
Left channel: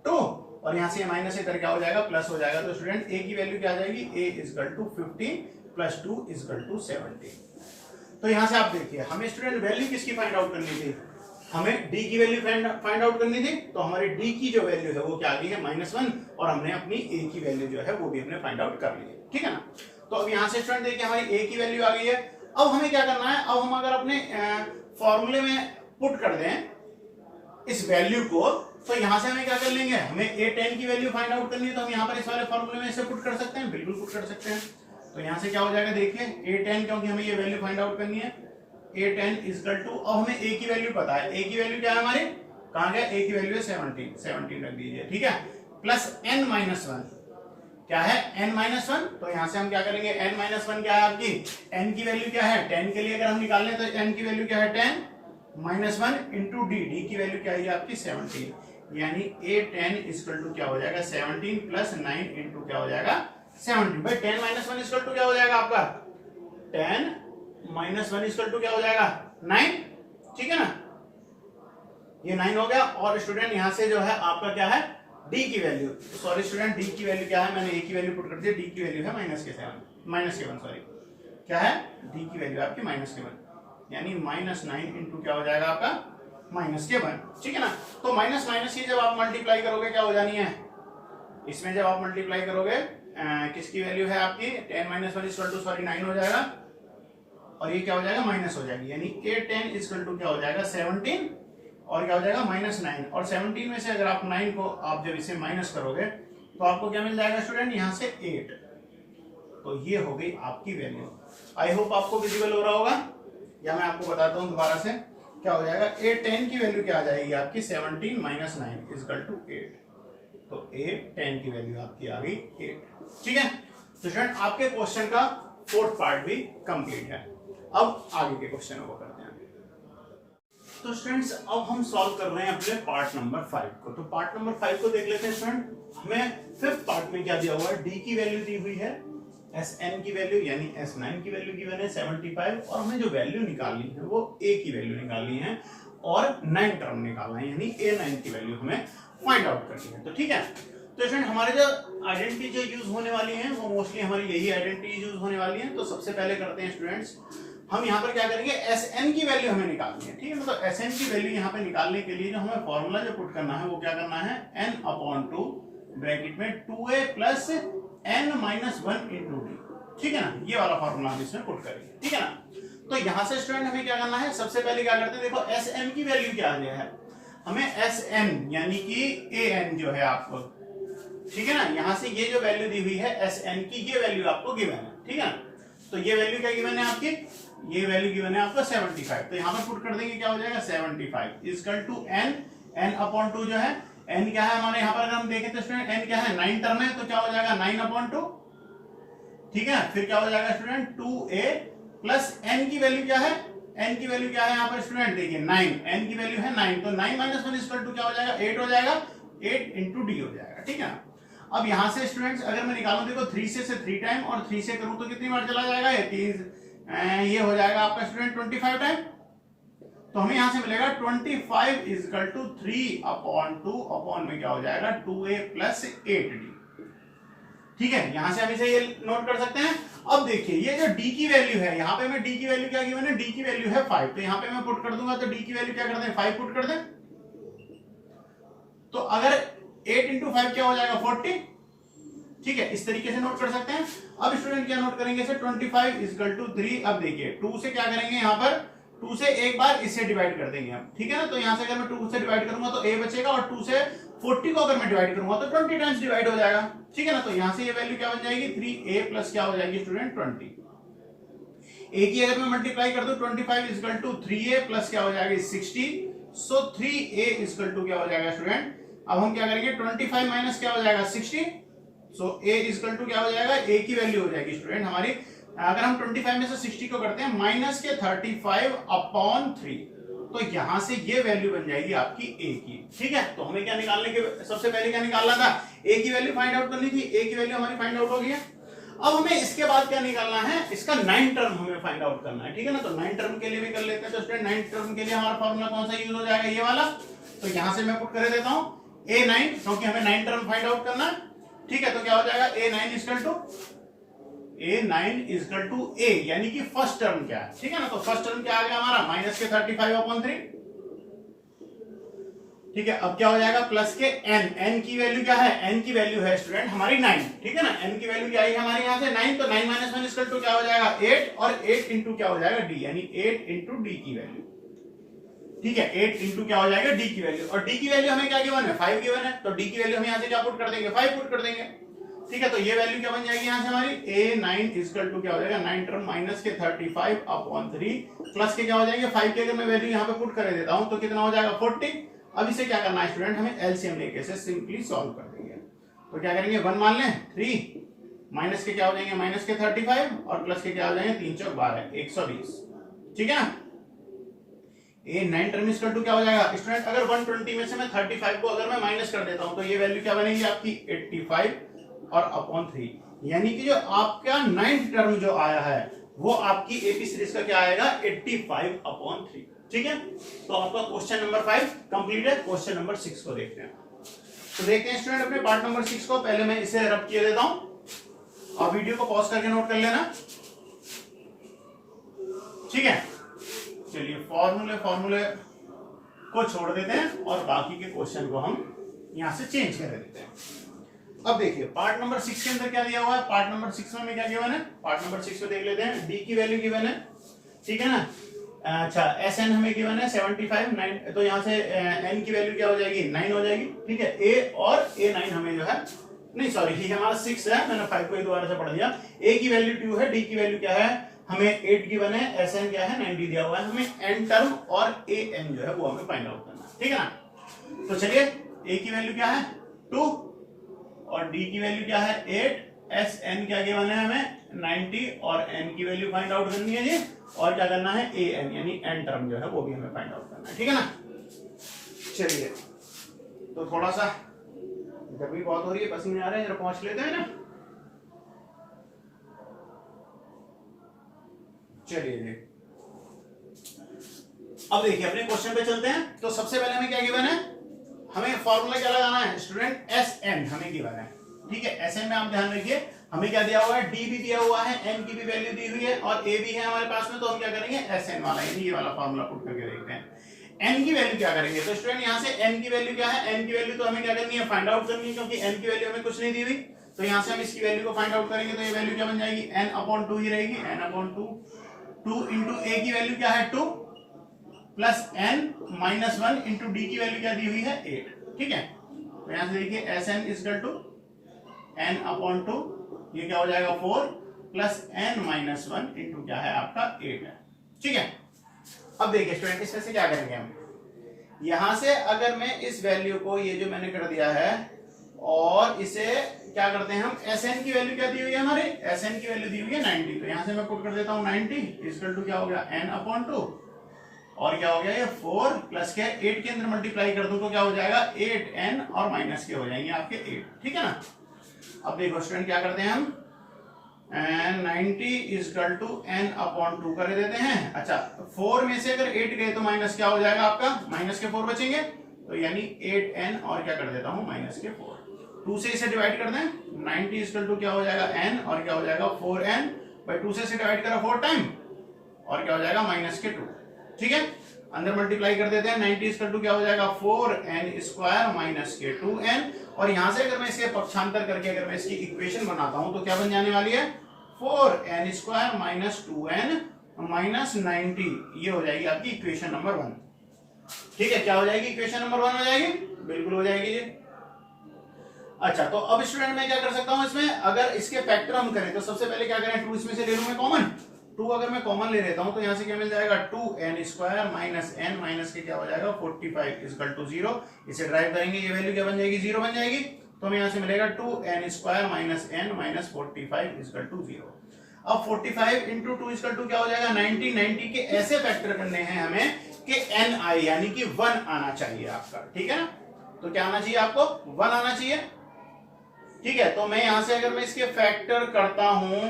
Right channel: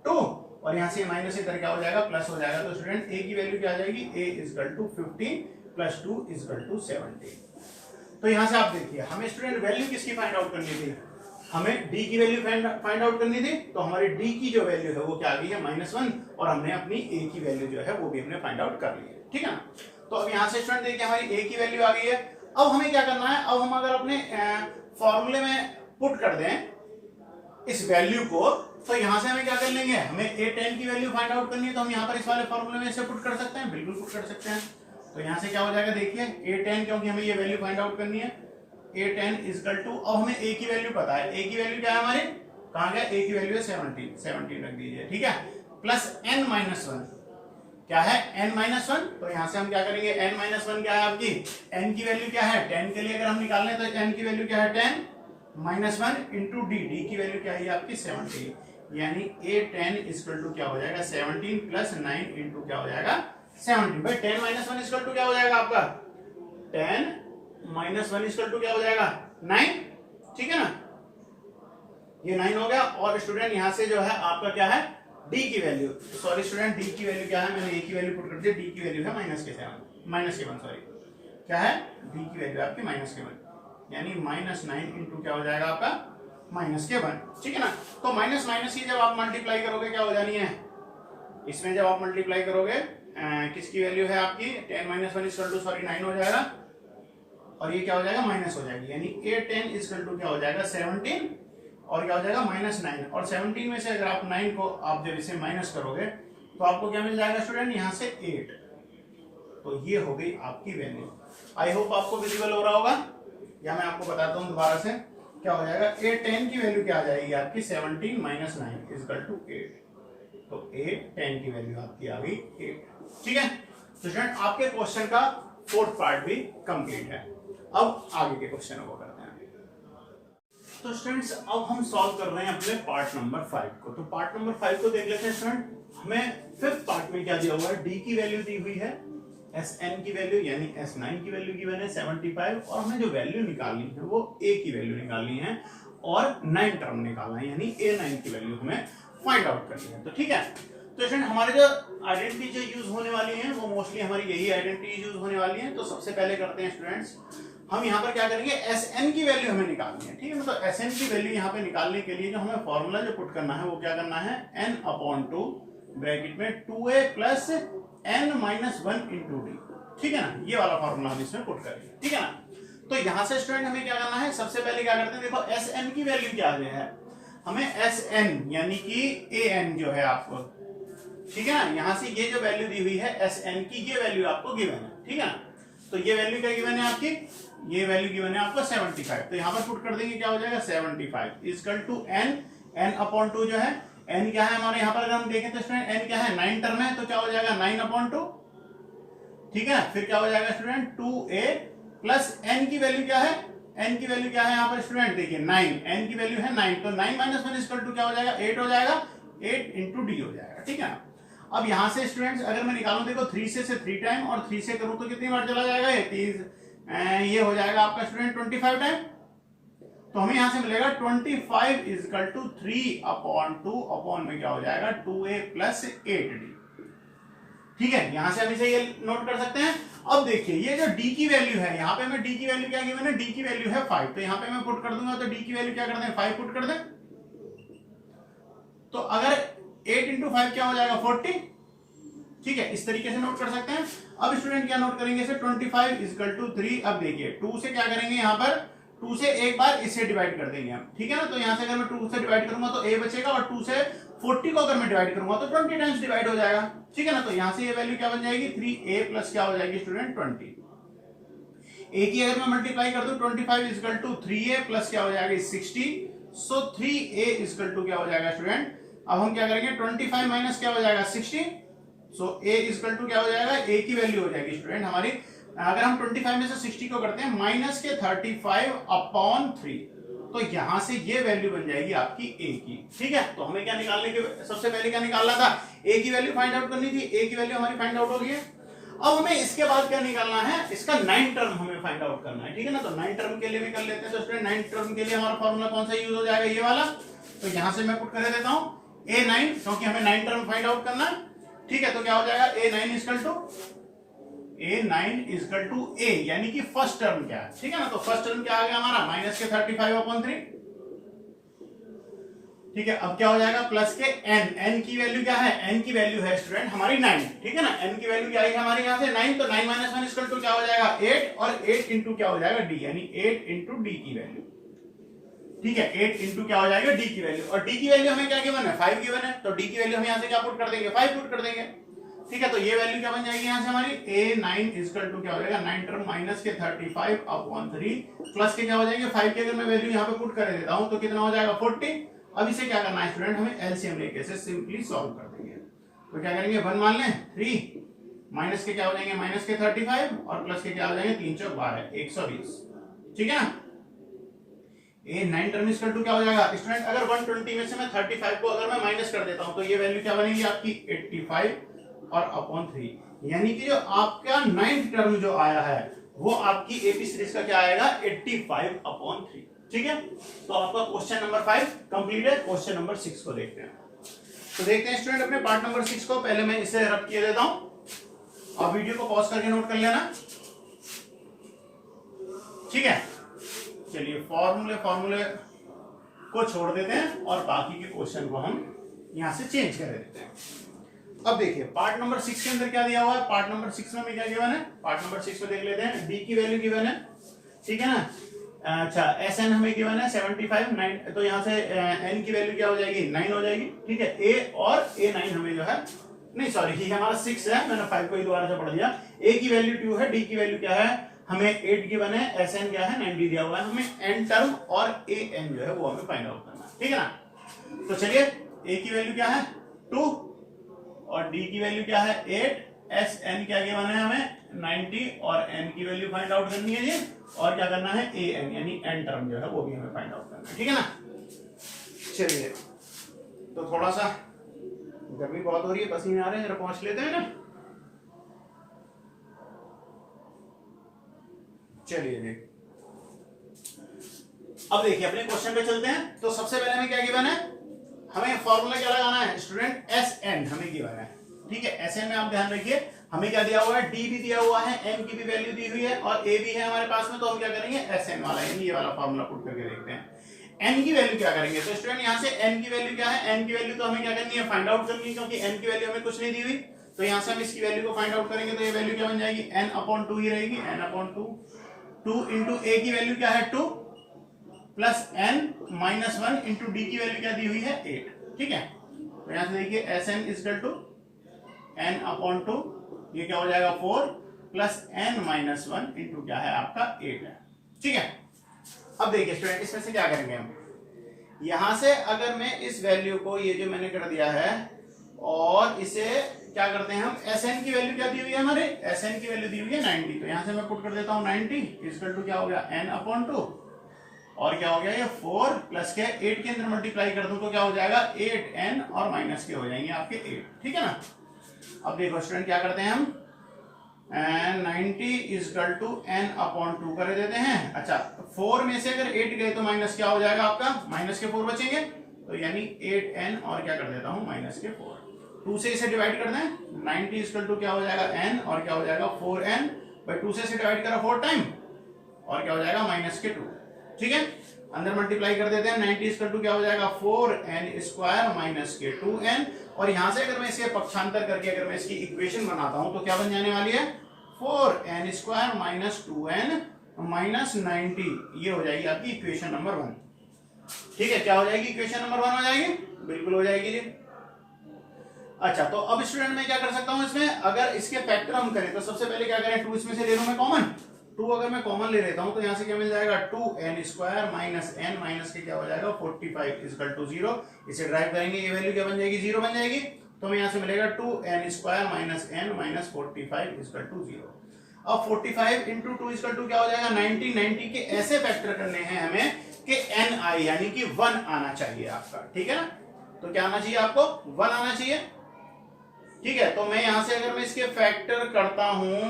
2, और यहां से माइनस इधर क्या हो जाएगा प्लस हो जाएगा। तो स्टूडेंट a की वैल्यू क्या आ जाएगी a equal to 15 plus 2 equal to 70। तो यहां से आप देखिए हमें स्टूडेंट वैल्यू किसकी फाइंड आउट करनी थी, हमें d की वैल्यू फाइंड आउट करनी थी। तो हमारी d की जो वैल्यू है वो क्या आ गई है -1, और हमने अपनी a की वैल्यू जो है वो भी हमने फाइंड आउट कर ली है। ठीक है ना, तो अब यहां से स्टूडेंट देखिए हमारी a की वैल्यू आ गई है। अब हमें क्या करना है, अब हम अगर अपने फॉर्मूले में पुट कर दें इस वैल्यू को, तो यहां से हमें क्या कर लेंगे, हमें a10 की वैल्यू फाइंड आउट करनी है, तो हम यहां पर इस वाले फॉर्मूले में इसे पुट कर सकते हैं, बिल्कुल पुट कर सकते हैं। तो यहां से क्या हो जाएगा देखिए a10, क्योंकि हमें ये वैल्यू फाइंड आउट करनी है a10 इक्वल टू, अब हमें a की वैल्यू पता है, a की वैल्यू क्या है हमारी कहां गया, a की वैल्यू है 17 रख दीजिए। ठीक है, प्लस n-1 क्या है n-1, तो यहां से हम क्या करेंगे n-1 क्या है आपकी n की वैल्यू क्या है 10 के लिए अगर हम निकाल लें तो n की वैल्यू क्या है 10 -1 इंटू डी, डी की वैल्यू क्या है आपकी 17, यानी a10 इक्वल टू क्या हो जाएगा 17 प्लस 9 इंटू क्या हो जाएगा 17। भाई 10 -1 इक्वल टू क्या हो जाएगा आपका 10 -1 इक्वल टू क्या हो जाएगा 9। ठीक है ना, ये 9 हो गया। और स्टूडेंट यहां से जो है आपका क्या है d की वैल्यू, सॉरी स्टूडेंट d की वैल्यू क्या है, मैंने a की वैल्यू पुट कर दी, d की वैल्यू है -1 सॉरी, क्या है d की वैल्यू आपकी -1, यानी -9 इंटू क्या हो जाएगा आपका -1। ठीक है ना, तो माइनस माइनस ये जब आप मल्टीप्लाई करोगे क्या हो जानी है, इसमें जब आप मल्टीप्लाई करोगे किसकी वैल्यू है आपकी 10 -1 इक्वल टू सॉरी 9 हो जाएगा, और ये क्या हो जाएगा माइनस हो जाएगी, यानी a10 इक्वल टू क्या हो जाएगा 17, और क्या हो जाएगा -9, और 17 में से अगर आप 9 को आप जब इसे माइनस करोगे तो आपको क्या मिल जाएगा स्टूडेंट यहाँ से 8। तो ये हो गई आपकी वैल्यू। आई होप आपको विजिबल हो रहा होगा, या मैं आपको बताता हूँ दोबारा से क्या हो जाएगा, a10 की वैल्यू क्या आ जाएगी आपकी 17 - 9 इक्वल टू 8। तो a10 की वैल्यू आपकी आ गई 8। ठीक है, तो स्टूडेंट आपके क्वेश्चन का 4th पार्ट भी कंप्लीट है। अब आगे के क्वेश्चन को करते हैं। तो स्टूडेंट्स अब हम सॉल्व कर रहे हैं अपने पार्ट नंबर 5 को। तो पार्ट नंबर 5 को देख लेते हैं स्टूडेंट। हमें 5th पार्ट में क्या दिया हुआ है, d की वैल्यू दी हुई है, Sn की वैल्यू यानी S9 की वैल्यू गिवन है 75, और हमें जो वैल्यू निकालनी है वो a की वैल्यू निकालनी है और 9 टर्म निकालना है, यानी a9 की वैल्यू हमें फाइंड आउट करनी है। तो ठीक है, तो स्टूडेंट हमारे जो आइडेंटिटी जो यूज होने वाली है वो मोस्टली हमारी यही आइडेंटिटी यूज होने वाली है। तो सबसे पहले करते हैं स्टूडेंट्स, हम यहाँ पर क्या करेंगे Sn की वैल्यू हमें निकालनी है। ठीक है, मतलब Sn की वैल्यू यहाँ पे निकालने के लिए जो हमें फॉर्मूला जो पुट करना है वो क्या करना है n/2 ब्रैकेट में 2a plus n minus 1 into d, ठीक है ना, ये वाला फॉर्मूला हम इसमें पुट करेंगे, ठीक है ना। तो यहां से स्टूडेंट हमें क्या करना है, सबसे पहले क्या करते हैं, देखो एस एन की वैल्यू क्या आ गया है, हमें एस एन यानी कि ए एन जो है आपको, ठीक है ना, यहां से ये जो वैल्यू दी हुई है एस एन की, ये वैल्यू आपको गिवन है, ठीक है ना। तो ये वैल्यू क्या गिवन है आपकी, ये वैल्यू गिवन है आपको 75, तो यहां पर पुट कर देंगे, क्या हो जाएगा 75 equal to n, n upon 2 जो है, एन क्या है हमारे यहाँ पर अगर हम देखें तो स्टूडेंट एन क्या है 9 टर्म है, तो क्या हो जाएगा 9 अपॉन 2, ठीक है। फिर क्या हो जाएगा स्टूडेंट 2a प्लस एन की वैल्यू क्या है, एन की वैल्यू क्या है यहाँ पर स्टूडेंट, देखिए 9, एन की वैल्यू है 9, तो 9 माइनस 1 इक्वल टू क्या हो जाएगा 8 हो जाएगा, 8 इंटू डी हो जाएगा, ठीक है। अब यहां से स्टूडेंट्स अगर मैं निकालूं, देखो 3 से 3 टाइम और 3 से करूं तो कितनी बार चला जाएगा, ये हो जाएगा आपका स्टूडेंट 25 टाइम, तो हमें यहां से मिलेगा 25 इक्वल टू 3 अपॉन 2 अपॉन में क्या हो जाएगा 2a प्लस 8d, ठीक है। यहां से हम इसे ये नोट कर सकते हैं। अब देखिए ये जो d की वैल्यू है, यहाँ पे मैं d की वैल्यू क्या गिवन है, d की वैल्यू है 5, तो यहाँ पे मैं पुट कर दूंगा, तो d की वैल्यू क्या कर दें 5 पुट कर दें, तो अगर 8 इंटू 5 क्या हो जाएगा 40, ठीक है, इस तरीके से नोट कर सकते हैं। अब स्टूडेंट क्या नोट करेंगे इसे 25 इक्वल टू 3, अब देखिए 2 से क्या करेंगे, यहाँ पर 2 से एक बार इससे डिवाइड कर देंगे हम, ठीक है ना, तो यहाँ से अगर मैं 2 से डिवाइड करूंगा तो a बचेगा, और 2 से 40 को अगर मैं डिवाइड करूंगा तो 20 टाइम्स डिवाइड हो जाएगा, ठीक है ना। तो यहाँ से ये वैल्यू क्या बन जाएगी 3a प्लस क्या हो जाएगी स्टूडेंट 20, a की अगर मैं मल्टीप्लाई कर दूं 25 इक्वल टू 3a प्लस क्या हो जाएगा 60, सो 3a इक्वल टू क्या हो जाएगा स्टूडेंट, अब हम क्या करेंगे 25 माइनस क्या हो जाएगा 60, सो a इक्वल टू क्या हो जाएगा, a की वैल्यू हो जाएगी स्टूडेंट हमारी, अगर हम 25 में से 60 को करते हैं माइनस के 35 अपॉन 3, तो यहां से ये वैल्यू बन जाएगी आपकी a की, ठीक है। तो हमें क्या निकालने के, सबसे पहले क्या निकालना था, a की वैल्यू फाइंड आउट करनी थी, a की वैल्यू हमारी फाइंड आउट हो गई है। अब हमें इसके बाद क्या निकालना है, इसका 9 टर्म हमें फाइंड आउट करना है, ठीक है ना। तो 9 टर्म के लिए भी कर लेते हैं, तो स्टूडेंट 9 टर्म के लिए हमारा फॉर्मूला कौन सा यूज हो जाएगा, ये वाला, तो यहां से मैं पुट कर देता हूं a9, क्योंकि हमें 9 टर्म फाइंड आउट करना है, ठीक है। तो क्या हो जाएगा a9 इक्वल टू a यानी कि फर्स्ट टर्म क्या है, ठीक है ना। तो फर्स्ट टर्म क्या आ गया हमारा माइनस के 35 अपॉन 3, ठीक है। अब क्या हो जाएगा प्लस के n की वैल्यू क्या है, n की वैल्यू है स्टूडेंट हमारी 9, ठीक है ना, n की वैल्यू क्या आई हमारे यहाँ से 9, तो 9 माइनस 1 इक्वल टू क्या हो जाएगा 8, और 8 इंटू क्या हो जाएगा d, यानी 8 इंटू डी की वैल्यू, ठीक है, 8 इंटू क्या हो जाएगा डी की वैल्यू, और डी की वैल्यू हमें क्या गिवन है 5 गिवन है, तो डी की वैल्यू हम यहाँ से क्या पुट कर देंगे 5 पुट कर देंगे, ठीक है। तो ये वैल्यू क्या बन जाएगी यहाँ से हमारी a9 इक्वल टू क्या हो जाएगा 9 टर्म माइनस के 35 अपॉन 3 प्लस के क्या हो जाएंगे 5 के, अगर मैं वैल्यू यहाँ पे पुट कर देता हूँ तो कितना हो जाएगा 40। अब इसे क्या करना है स्टूडेंट, हमें एलसीएम लेके इसे सिंपली सॉल्व कर देंगे, तो क्या करेंगे 1 मान लें, 3 माइनस के क्या हो जाएंगे माइनस के 35 और प्लस के क्या हो जाएंगे 3 चौक 12 120, ठीक है ना। a9 टर्म इक्वल टू क्या हो जाएगा स्टूडेंट, अगर 120 में से मैं 35 को अगर मैं माइनस कर देता हूं तो ये वैल्यू क्या बनेगी आपकी 85 और अपॉन 3, यानी कि जो आपका 9th टर्म जो आया है वो आपकी एपी सीरीज का क्या आएगा 85 अपॉन 3, ठीक है। तो आपका क्वेश्चन नंबर 5 कंप्लीट है। क्वेश्चन नंबर 6 को देखते हैं, तो देखते हैं स्टूडेंट अपने पार्ट नंबर 6 को, पहले मैं इसे रब किए देता हूं, आप वीडियो को पॉज करके नोट कर लेना, ठीक है। चलिए फॉर्मूले को छोड़ देते हैं और बाकी के क्वेश्चन को हम यहां से चेंज कर देते हैं। अब देखिए पार्ट नंबर 6 के अंदर क्या दिया हुआ है, पार्ट नंबर 6 में क्या गिवन है, पार्ट नंबर 6 में देख लेते हैं, डी की वैल्यू गिवन है, ठीक है ना। अच्छा एस एन हमें गिवन है 75 9, तो यहाँ से एन की वैल्यू क्या हो जाएगी 9 हो जाएगी, ठीक है। ए और a9 हमें जो है, नहीं सॉरी ये हमारा 6 है, मैंने 5 को ही दोबारा से पढ़ दिया। ए की वैल्यू 2 है, डी की वैल्यू क्या है हमें 8 गिवन है, एस एन क्या है 90 दिया हुआ है, हमें एन टर्म और ए एन जो है वो हमें फाइंड आउट करना है, ठीक है ना। तो चलिए ए की वैल्यू क्या है 2 और डी की वैल्यू क्या है 8, एस एन क्या गिवन है हमें 90 और एन की वैल्यू फाइंड आउट करनी है जी, और क्या करना है ए एन यानी एन टर्म जो है वो भी हमें फाइंड आउट करना है, ठीक है ना। चलिए तो थोड़ा सा गर्मी बहुत हो रही है, पसीने आ रहे हैं, जरा पहुंच लेते हैं ना। चलिए देख, अब देखिए अपने क्वेश्चन पे चलते हैं। तो सबसे पहले हमें क्या गिवन है, हमें फॉर्मूला क्या लगाना है स्टूडेंट एस एन हमें गिवन है, ठीक है। एस एन में आप ध्यान रखिए हमें क्या दिया हुआ है, डी भी दिया हुआ है, एन की भी वैल्यू दी हुई है और ए भी है हमारे पास में, तो हम क्या करेंगे एस एन वाला यानी ये वाला फॉर्मूला पुट करके देखते हैं। n की वैल्यू क्या करेंगे? तो स्टूडेंट यहाँ से n की वैल्यू क्या है? n की वैल्यू तो हमें क्या करनी है? फाइंड आउट करनी है, क्योंकि n की वैल्यू हमें कुछ नहीं दी हुई। तो यहाँ से हम इसकी वैल्यू को फाइंड आउट करेंगे, तो ये वैल्यू क्या बन जाएगी? n/2 ही रहेगी, n/2। 2 इंटू a की वैल्यू क्या है? 2 प्लस n-1 इंटू d की वैल्यू क्या दी हुई है? 8। ठीक है, तो यहाँ से देखिए Sn इक्वल टू n/2, ये क्या हो जाएगा? 4 प्लस n-1 इंटू क्या है आपका? 8 है। ठीक है, अब देखिए स्टूडेंट इसमें से क्या करेंगे हम, यहां से अगर मैं इस वैल्यू को, ये जो मैंने कर दिया है, और इसे क्या करते हैं हम, Sn की वैल्यू क्या दी हुई है हमारे? Sn की वैल्यू दी हुई है 90। तो यहां से मैं पुट कर देता हूं 90 इक्वल टू क्या हो गया? n/2, और क्या हो गया? ये 4 प्लस के 8 के अंदर मल्टीप्लाई कर दूं तो क्या हो जाएगा? 8n, और माइनस के हो जाएंगे आपके 8। ठीक है ना। अब देखो स्टूडेंट क्या करते हैं हम, 90 इक्वल टू n/2 कर देते हैं। अच्छा, 4 में से अगर 8 गए तो माइनस क्या हो जाएगा आपका? माइनस के 4 बचेंगे, तो यानी 8n, और क्या कर देता हूं? माइनस के 4। 2 से इसे डिवाइड कर दें, 90 इक्वल टू क्या हो जाएगा? n, और क्या हो जाएगा? 4n बाई 2 से इसे डिवाइड करा 4 टाइम, और क्या हो जाएगा? माइनस के 2। ठीक है, अंदर मल्टीप्लाई कर देते हैं, 90 इक्वल टू क्या हो जाएगा? 4n स्क्वायर माइनस के 2n, और यहां से अगर मैं इसके पक्षांतर करके अगर मैं इसकी इक्वेशन बनाता हूं तो क्या बन जाने वाली है? 4n square minus 2n minus 90, ये हो जाएगी आपकी इक्वेशन नंबर 1। ठीक है, क्या हो जाएगी? इक्वेशन नंबर 1 हो जाएगी, बिल्कुल हो जाएगी जी। अच्छा, तो अब स्टूडेंट मैं क्या कर सकता हूं इसमें, अगर इसके फैक्टर हम करें तो सबसे पहले क्या करें? 2 इसमें से ले लूं मैं कॉमन। 2 अगर मैं कॉमन ले लेता हूं तो यहां से क्या मिल जाएगा? 2n square minus n minus के क्या हो जाएगा? 45 इक्वल टू 0। इसे ड्राइव करेंगे, ये वैल्यू क्या बन जाएगी? 0 बन जाएगी। तो हमें यहां से मिलेगा 2n square minus n minus 45 equal to 0। अब 45 इंटू 2 इक्वल टू क्या हो जाएगा? 90। 90 के ऐसे फैक्टर करने हैं हमें कि ni यानी कि 1 आना चाहिए आपका। ठीक है ना, तो क्या आना चाहिए आपको? 1 आना चाहिए। ठीक है, तो मैं यहां से अगर मैं इसके फैक्टर करता हूं,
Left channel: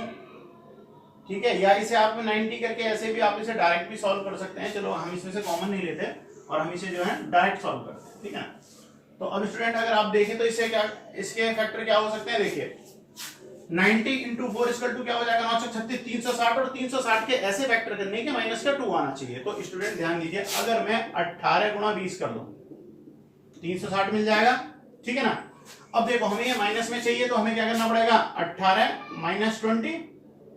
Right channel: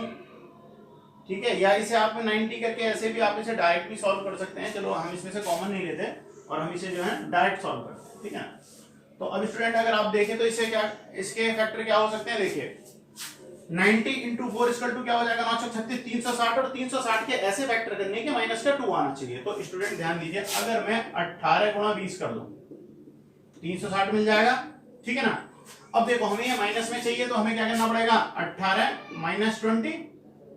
ठीक है, या इसे आप 90 करके ऐसे भी आप इसे डायरेक्ट भी सॉल्व कर सकते हैं। चलो हम इसमें से कॉमन नहीं लेते और हम इसे जो है डायरेक्ट सॉल्व करते हैं। ठीक है, तो अब स्टूडेंट अगर आप देखें तो इससे क्या, इसके फैक्टर क्या हो सकते हैं? देखिए 90 इंटू 4 इक्वल टू क्या हो जाएगा? 936, 360, और 360 के ऐसे फैक्टर करने के माइनस का 2 आना चाहिए। तो स्टूडेंट ध्यान दीजिए, अगर मैं 18 गुणा 20 कर दूं 360 मिल जाएगा। ठीक है ना। अब देखो हमें ये माइनस में चाहिए, तो हमें क्या करना पड़ेगा? 18 माइनस 20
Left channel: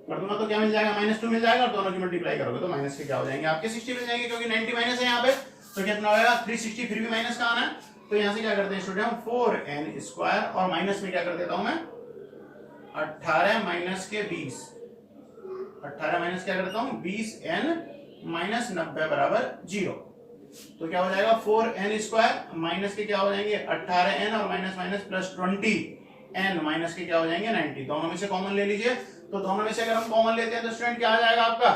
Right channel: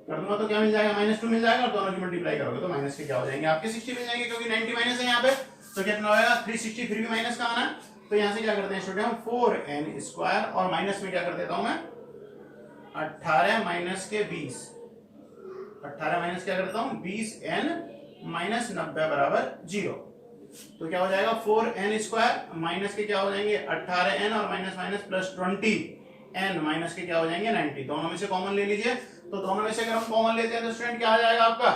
कर दूंगा तो क्या मिल जाएगा? -2 मिल जाएगा, और दोनों की मल्टीप्लाई करोगे तो माइनस के क्या हो जाएंगे? आपके 60 मिल जाएंगे, क्योंकि 90 माइनस है यहाँ पे, तो कितना होगा? 360। फिर भी माइनस का आना है, तो यहाँ से क्या करते हैं स्टूडेंट? 4n स्क्वायर, और माइनस में क्या कर देता हूं मैं? 18 माइनस के 20, 18 माइनस क्या करता हूं? 20n माइनस 90 बराबर 0। तो क्या हो जाएगा? 4n स्क्वायर माइनस के क्या हो जाएंगे? 18n, और minus minus plus 20n minus के क्या हो जाएंगे? 90। दोनों में से कॉमन ले लीजिए, तो दोनों में से अगर हम कॉमन लेते हैं तो स्टूडेंट क्या आ जाएगा आपका?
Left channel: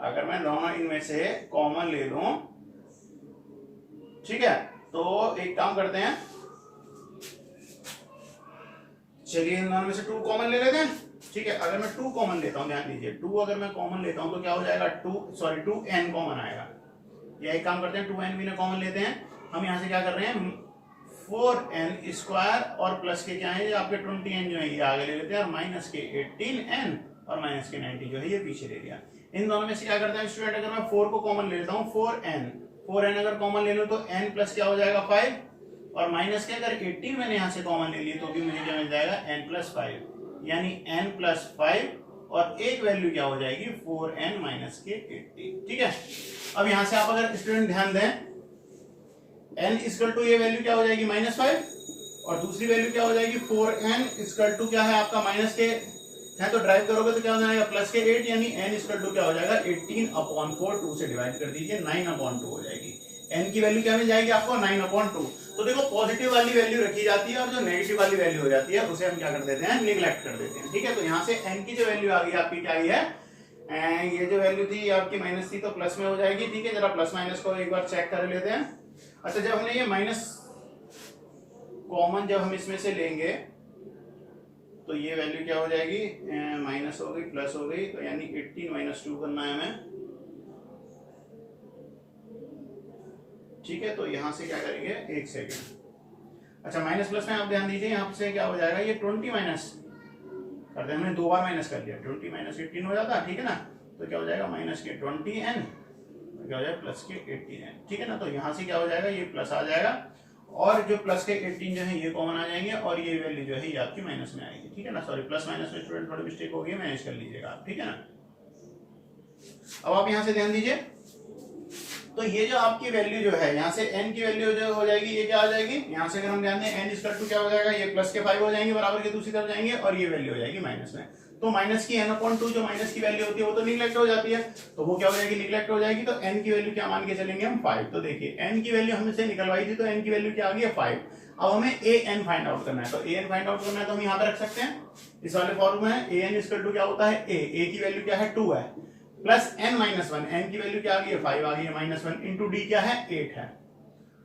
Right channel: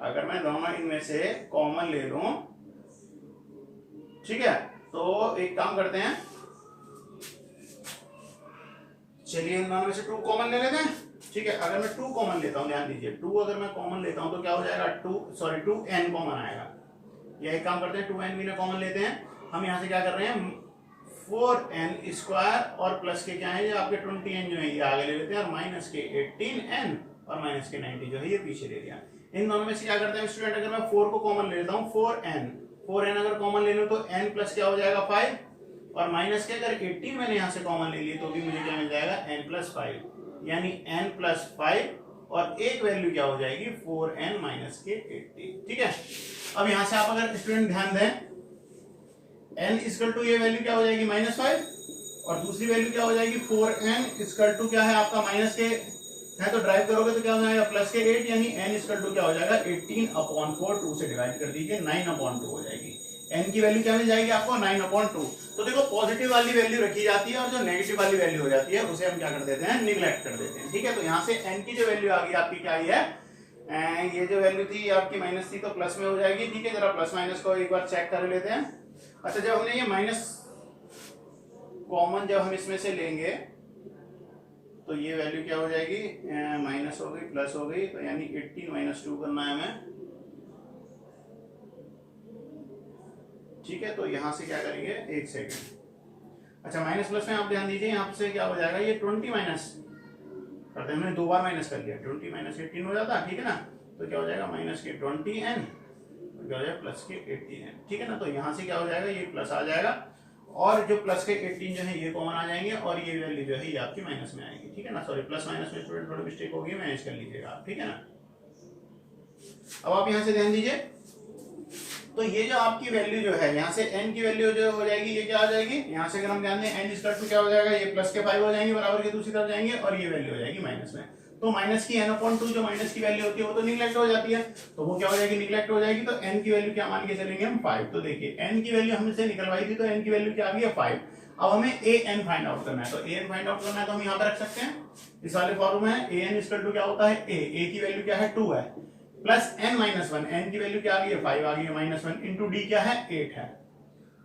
अगर मैं दोनों इनमें से कॉमन ले लूं, ठीक है, तो एक काम करते हैं, चलिए इन दोनों में से 2 कॉमन ले लेते हैं। ठीक है, अगर मैं 2 कॉमन लेता हूं, ध्यान दीजिए, 2 अगर मैं कॉमन लेता हूं तो क्या हो जाएगा? 2n कॉमन आएगा। या एक काम करते हैं, 2n भी ना कॉमन लेते हैं। हम यहां से क्या कर रहे हैं? 4n स्क्वायर और प्लस के क्या है? आपके 20n जो है ये आगे ले लेते हैं, और माइनस के 18n और माइनस के 90 जो है ये पीछे ले लिया। इन दोनों में से क्या करते हैं स्टूडेंट? अगर मैं 4 को कॉमन ले लेता हूँ, 4n अगर कॉमन ले लूं तो n प्लस क्या हो जाएगा? 5, और माइनस के अगर 18 मैंने यहां से कॉमन ले ली तो भी मुझे क्या मिल जाएगा? n प्लस 5, यानी n प्लस 5, और एक वैल्यू क्या हो जाएगी? 4n माइनस के 18। ठीक है, अब यहां से आप अगर स्टूडेंट ध्यान दें, n इक्वल टू ये वैल्यू क्या हो जाएगी? -5, और दूसरी वैल्यू क्या हो जाएगी? 4n इक्वल टू क्या है आपका? माइनस के है, तो ड्राइव करोगे तो क्या हो जाएगा? प्लस के 8, यानी n इक्वल टू क्या हो जाएगा? 18/4, 2 से डिवाइड कर दीजिए, 9/2 हो जाएगी। n की वैल्यू क्या मिल जाएगी आपको? 9/2। तो देखो पॉजिटिव वाली वैल्यू रखी जाती है, और जो नेगेटिव वाली वैल्यू हो जाती है उसे हम क्या कर देते हैं? निगलेक्ट कर देते हैं। ठीक है, तो यहाँ से n की जो वैल्यू आ गई आपकी क्या आई है? ये जो वैल्यू थी आपकी माइनस थी, तो प्लस में हो जाएगी। ठीक है, जरा प्लस माइनस को एक बार चेक कर लेते हैं। अच्छा, जब हमने ये माइनस कॉमन जब हम इसमें से लेंगे तो ये वैल्यू क्या हो जाएगी? माइनस हो गई, प्लस हो गई, तो यानी 18 माइनस 2 करना है हमें। ठीक है, तो यहां से क्या करेंगे? एक सेकेंड। अच्छा, माइनस प्लस में आप ध्यान दीजिए, यहां से क्या हो जाएगा? ये 20 माइनस करते हैं, हमने 2 बार माइनस कर लिया, 20 माइनस 18 हो जाता है। ठीक है ना, तो क्या हो जाएगा? माइनस के 20n क्या हो जाएगा प्लस के 18, ठीक है ना। तो यहाँ से क्या हो जाएगा, ये प्लस आ जाएगा और जो प्लस के 18 जो है ये कॉमन आ जाएंगे और ये वैल्यू जो है ये आपकी माइनस में आएगी, ठीक है ना। सॉरी प्लस माइनस में स्टूडेंट थोड़ी मिस्टेक हो गई, मैनेज कर लीजिएगा आप, ठीक है ना। अब आप यहाँ से ध्यान दीजिए, तो ये जो आपकी वैल्यू जो है यहाँ से n की वैल्यू जो हो जाएगी ये क्या आ जाएगी, यहाँ से अगर हम ध्यान दें n इक्वल टू क्या हो जाएगा, ये प्लस के 5 हो जाएंगे बराबर के दूसरी तरफ जाएंगे और ये वैल्यू हो जाएगी माइनस में। तो माइनस की n/2 जो माइनस की वैल्यू होती है वो तो निगलेक्ट हो जाती है, तो वो क्या हो जाएगी, निगलेक्ट हो जाएगी। तो n की वैल्यू क्या मान के चलेंगे हम 5। तो देखिए n की वैल्यू हमसे निकलवाई थी तो n की वैल्यू क्या आ गई है 5। अब हमें an फाइंड आउट करना है, तो an फाइंड आउट करना है तो हम यहाँ पे रख सकते हैं, इस वाले फॉर्मूला है an इक्वल टू क्या होता है a की वैल्यू क्या है 2 है प्लस n-1, n की वैल्यू क्या आ गई है 5 आ गई है -1 इंटू डी क्या है 8 है।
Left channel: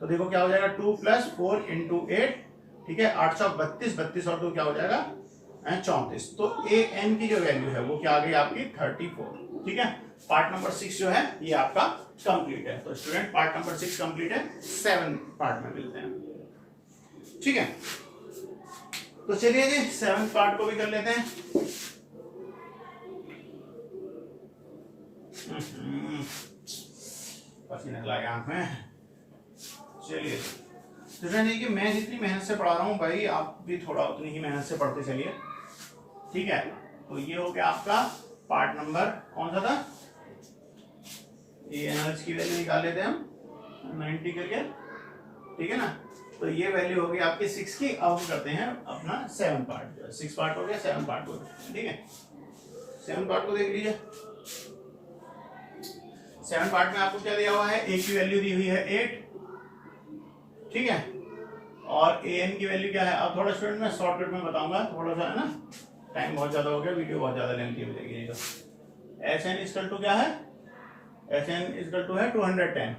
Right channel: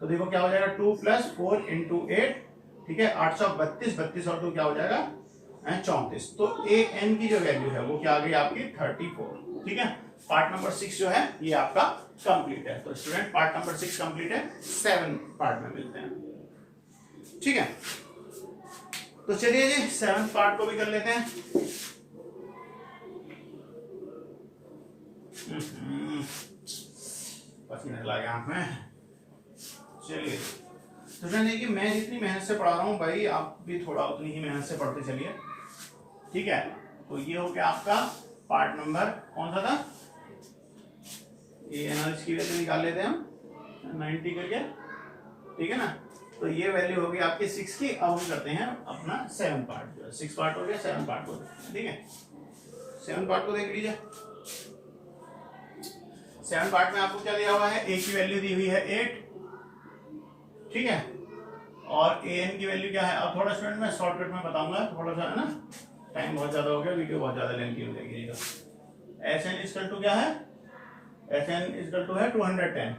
तो देखो क्या हो जाएगा 2 + 4 इंटू 8, ठीक है 832, 32 और 2 क्या हो जाएगा 34। तो an की जो वैल्यू है वो क्या आ गई आपकी 34, ठीक है। पार्ट नंबर 6 जो है ये आपका कंप्लीट है। तो स्टूडेंट पार्ट नंबर 6 कंप्लीट है, 7 पार्ट में मिलते हैं, ठीक है। तो चलिए जी 7 पार्ट को भी कर लेते हैं। पसीना लगा आंख में। चलिए स्टूडेंट देखिए मैं जितनी मेहनत से पढ़ा रहा हूँ भाई आप भी थोड़ा उतनी ही मेहनत से पढ़ते चलिए, ठीक है। तो ये हो गया आपका पार्ट नंबर कौन सा था, ये एनर्जी की वैल्यू निकाल लेते हैं हम 90 करके, ठीक है ना। तो ये वैल्यू हो गई आपकी 6 की। अब हम करते हैं अपना 7 पार्ट, जो है 6 पार्ट हो गया, 7 पार्ट को ठीक है। 7 पार्ट को देख लीजिए। 7 पार्ट में आपको क्या दिया हुआ है, a की वैल्यू दी हुई है 8, ठीक है, और an की वैल्यू क्या है। अब थोड़ा स्टूडेंट मैं शॉर्टकट में बताऊंगा, थोड़ा सा है ना, टाइम बहुत ज्यादा हो गया, वीडियो बहुत ज्यादा लेंथी हो जाएगी। तो Sn इक्वल टू क्या है, Sn इक्वल टू है 210,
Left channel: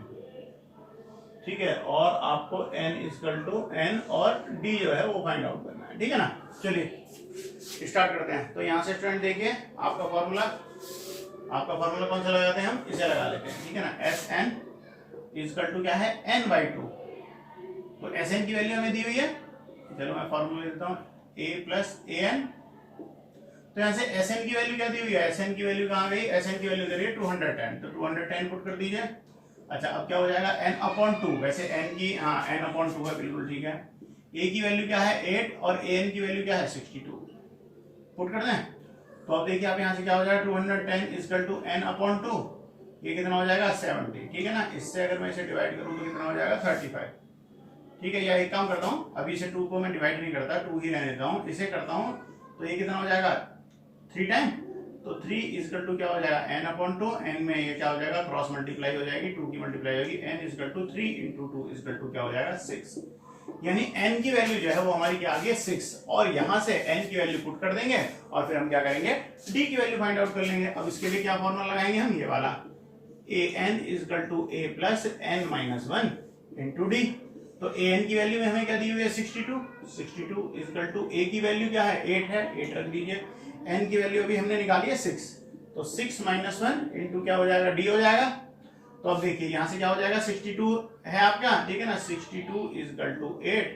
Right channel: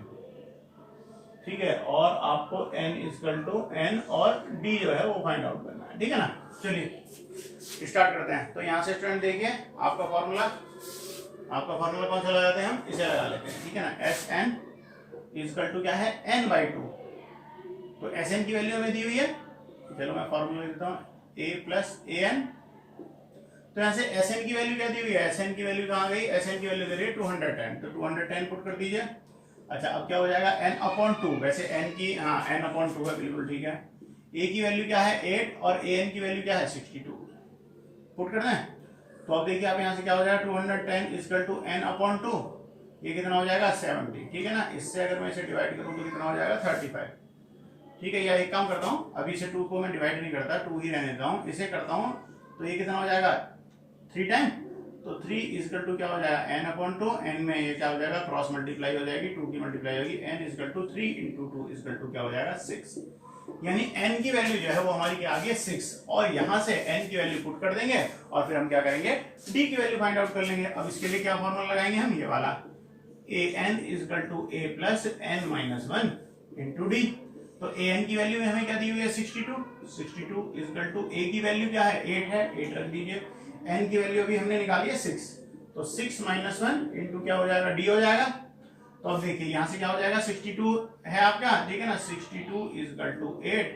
ठीक है, और आपको n इक्वल टू n और d जो है वो फाइंड आउट करना है, ठीक है ना। चलिए स्टार्ट करते हैं। तो यहाँ से स्टूडेंट देखिए आपका फॉर्मूला कौन सा लगाते हैं हम, इसे लगा लेते हैं, ठीक है ना। Sn इक्वल टू क्या है n/2। तो Sn की वैल्यू हमें दी हुई है, चलो मैं फॉर्मूला देता हूँ a + an। तो यहाँ से Sn की वैल्यू क्या दी हुई है, Sn की वैल्यू कहाँ गई, Sn की वैल्यू दे रही है 210, तो 210 पुट कर दीजिए। अच्छा अब क्या हो जाएगा n/2, वैसे n की हाँ n/2 है, बिल्कुल ठीक है। a की वैल्यू क्या है 8 और an की वैल्यू क्या है 62, पुट कर दें। तो अब देखिए आप यहाँ से क्या हो जाएगा 210 इक्वल टू n/2, ये कितना हो जाएगा 70, ठीक है ना। इससे अगर मैं इसे डिवाइड करूँ तो कितना हो जाएगा 35, ठीक है। या एक काम करता हूँ, अभी से 2 को मैं डिवाइड नहीं करता, 2 ही रहने देता हूँ, इसे करता हूँ तो ये कितना हो जाएगा 3 टाइम। तो 3 इक्वल टू क्या हो जाएगा n/2, n में ये क्या हो जाएगा क्रॉस मल्टीप्लाई हो जाएगी, 2 की मल्टीप्लाई होगी, n equal to 3 into 2 equal to क्या हो जाएगा 6, यानी n की वैल्यू जो है वो हमारी क्या आ गई 6। और यहां से n की वैल्यू पुट कर देंगे और फिर हम क्या करेंगे d की वैल्यू फाइंड आउट कर लेंगे। अब इसके लिए क्या फॉर्मूला लगाएंगे हम, ये वाला an equal to a plus n-1 into d। तो an की वैल्यू में हमें क्या दी हुई है 62 इक्वल टू a की वैल्यू क्या है 8 है, 8 रख दीजिए। n की वैल्यू अभी हमने निकाली है 6, तो 6-1 इंटू क्या हो जाएगा d हो जाएगा। तो अब देखिए यहाँ से क्या हो जाएगा 62 है आपका, ठीक है ना, 62 इक्वल टू 8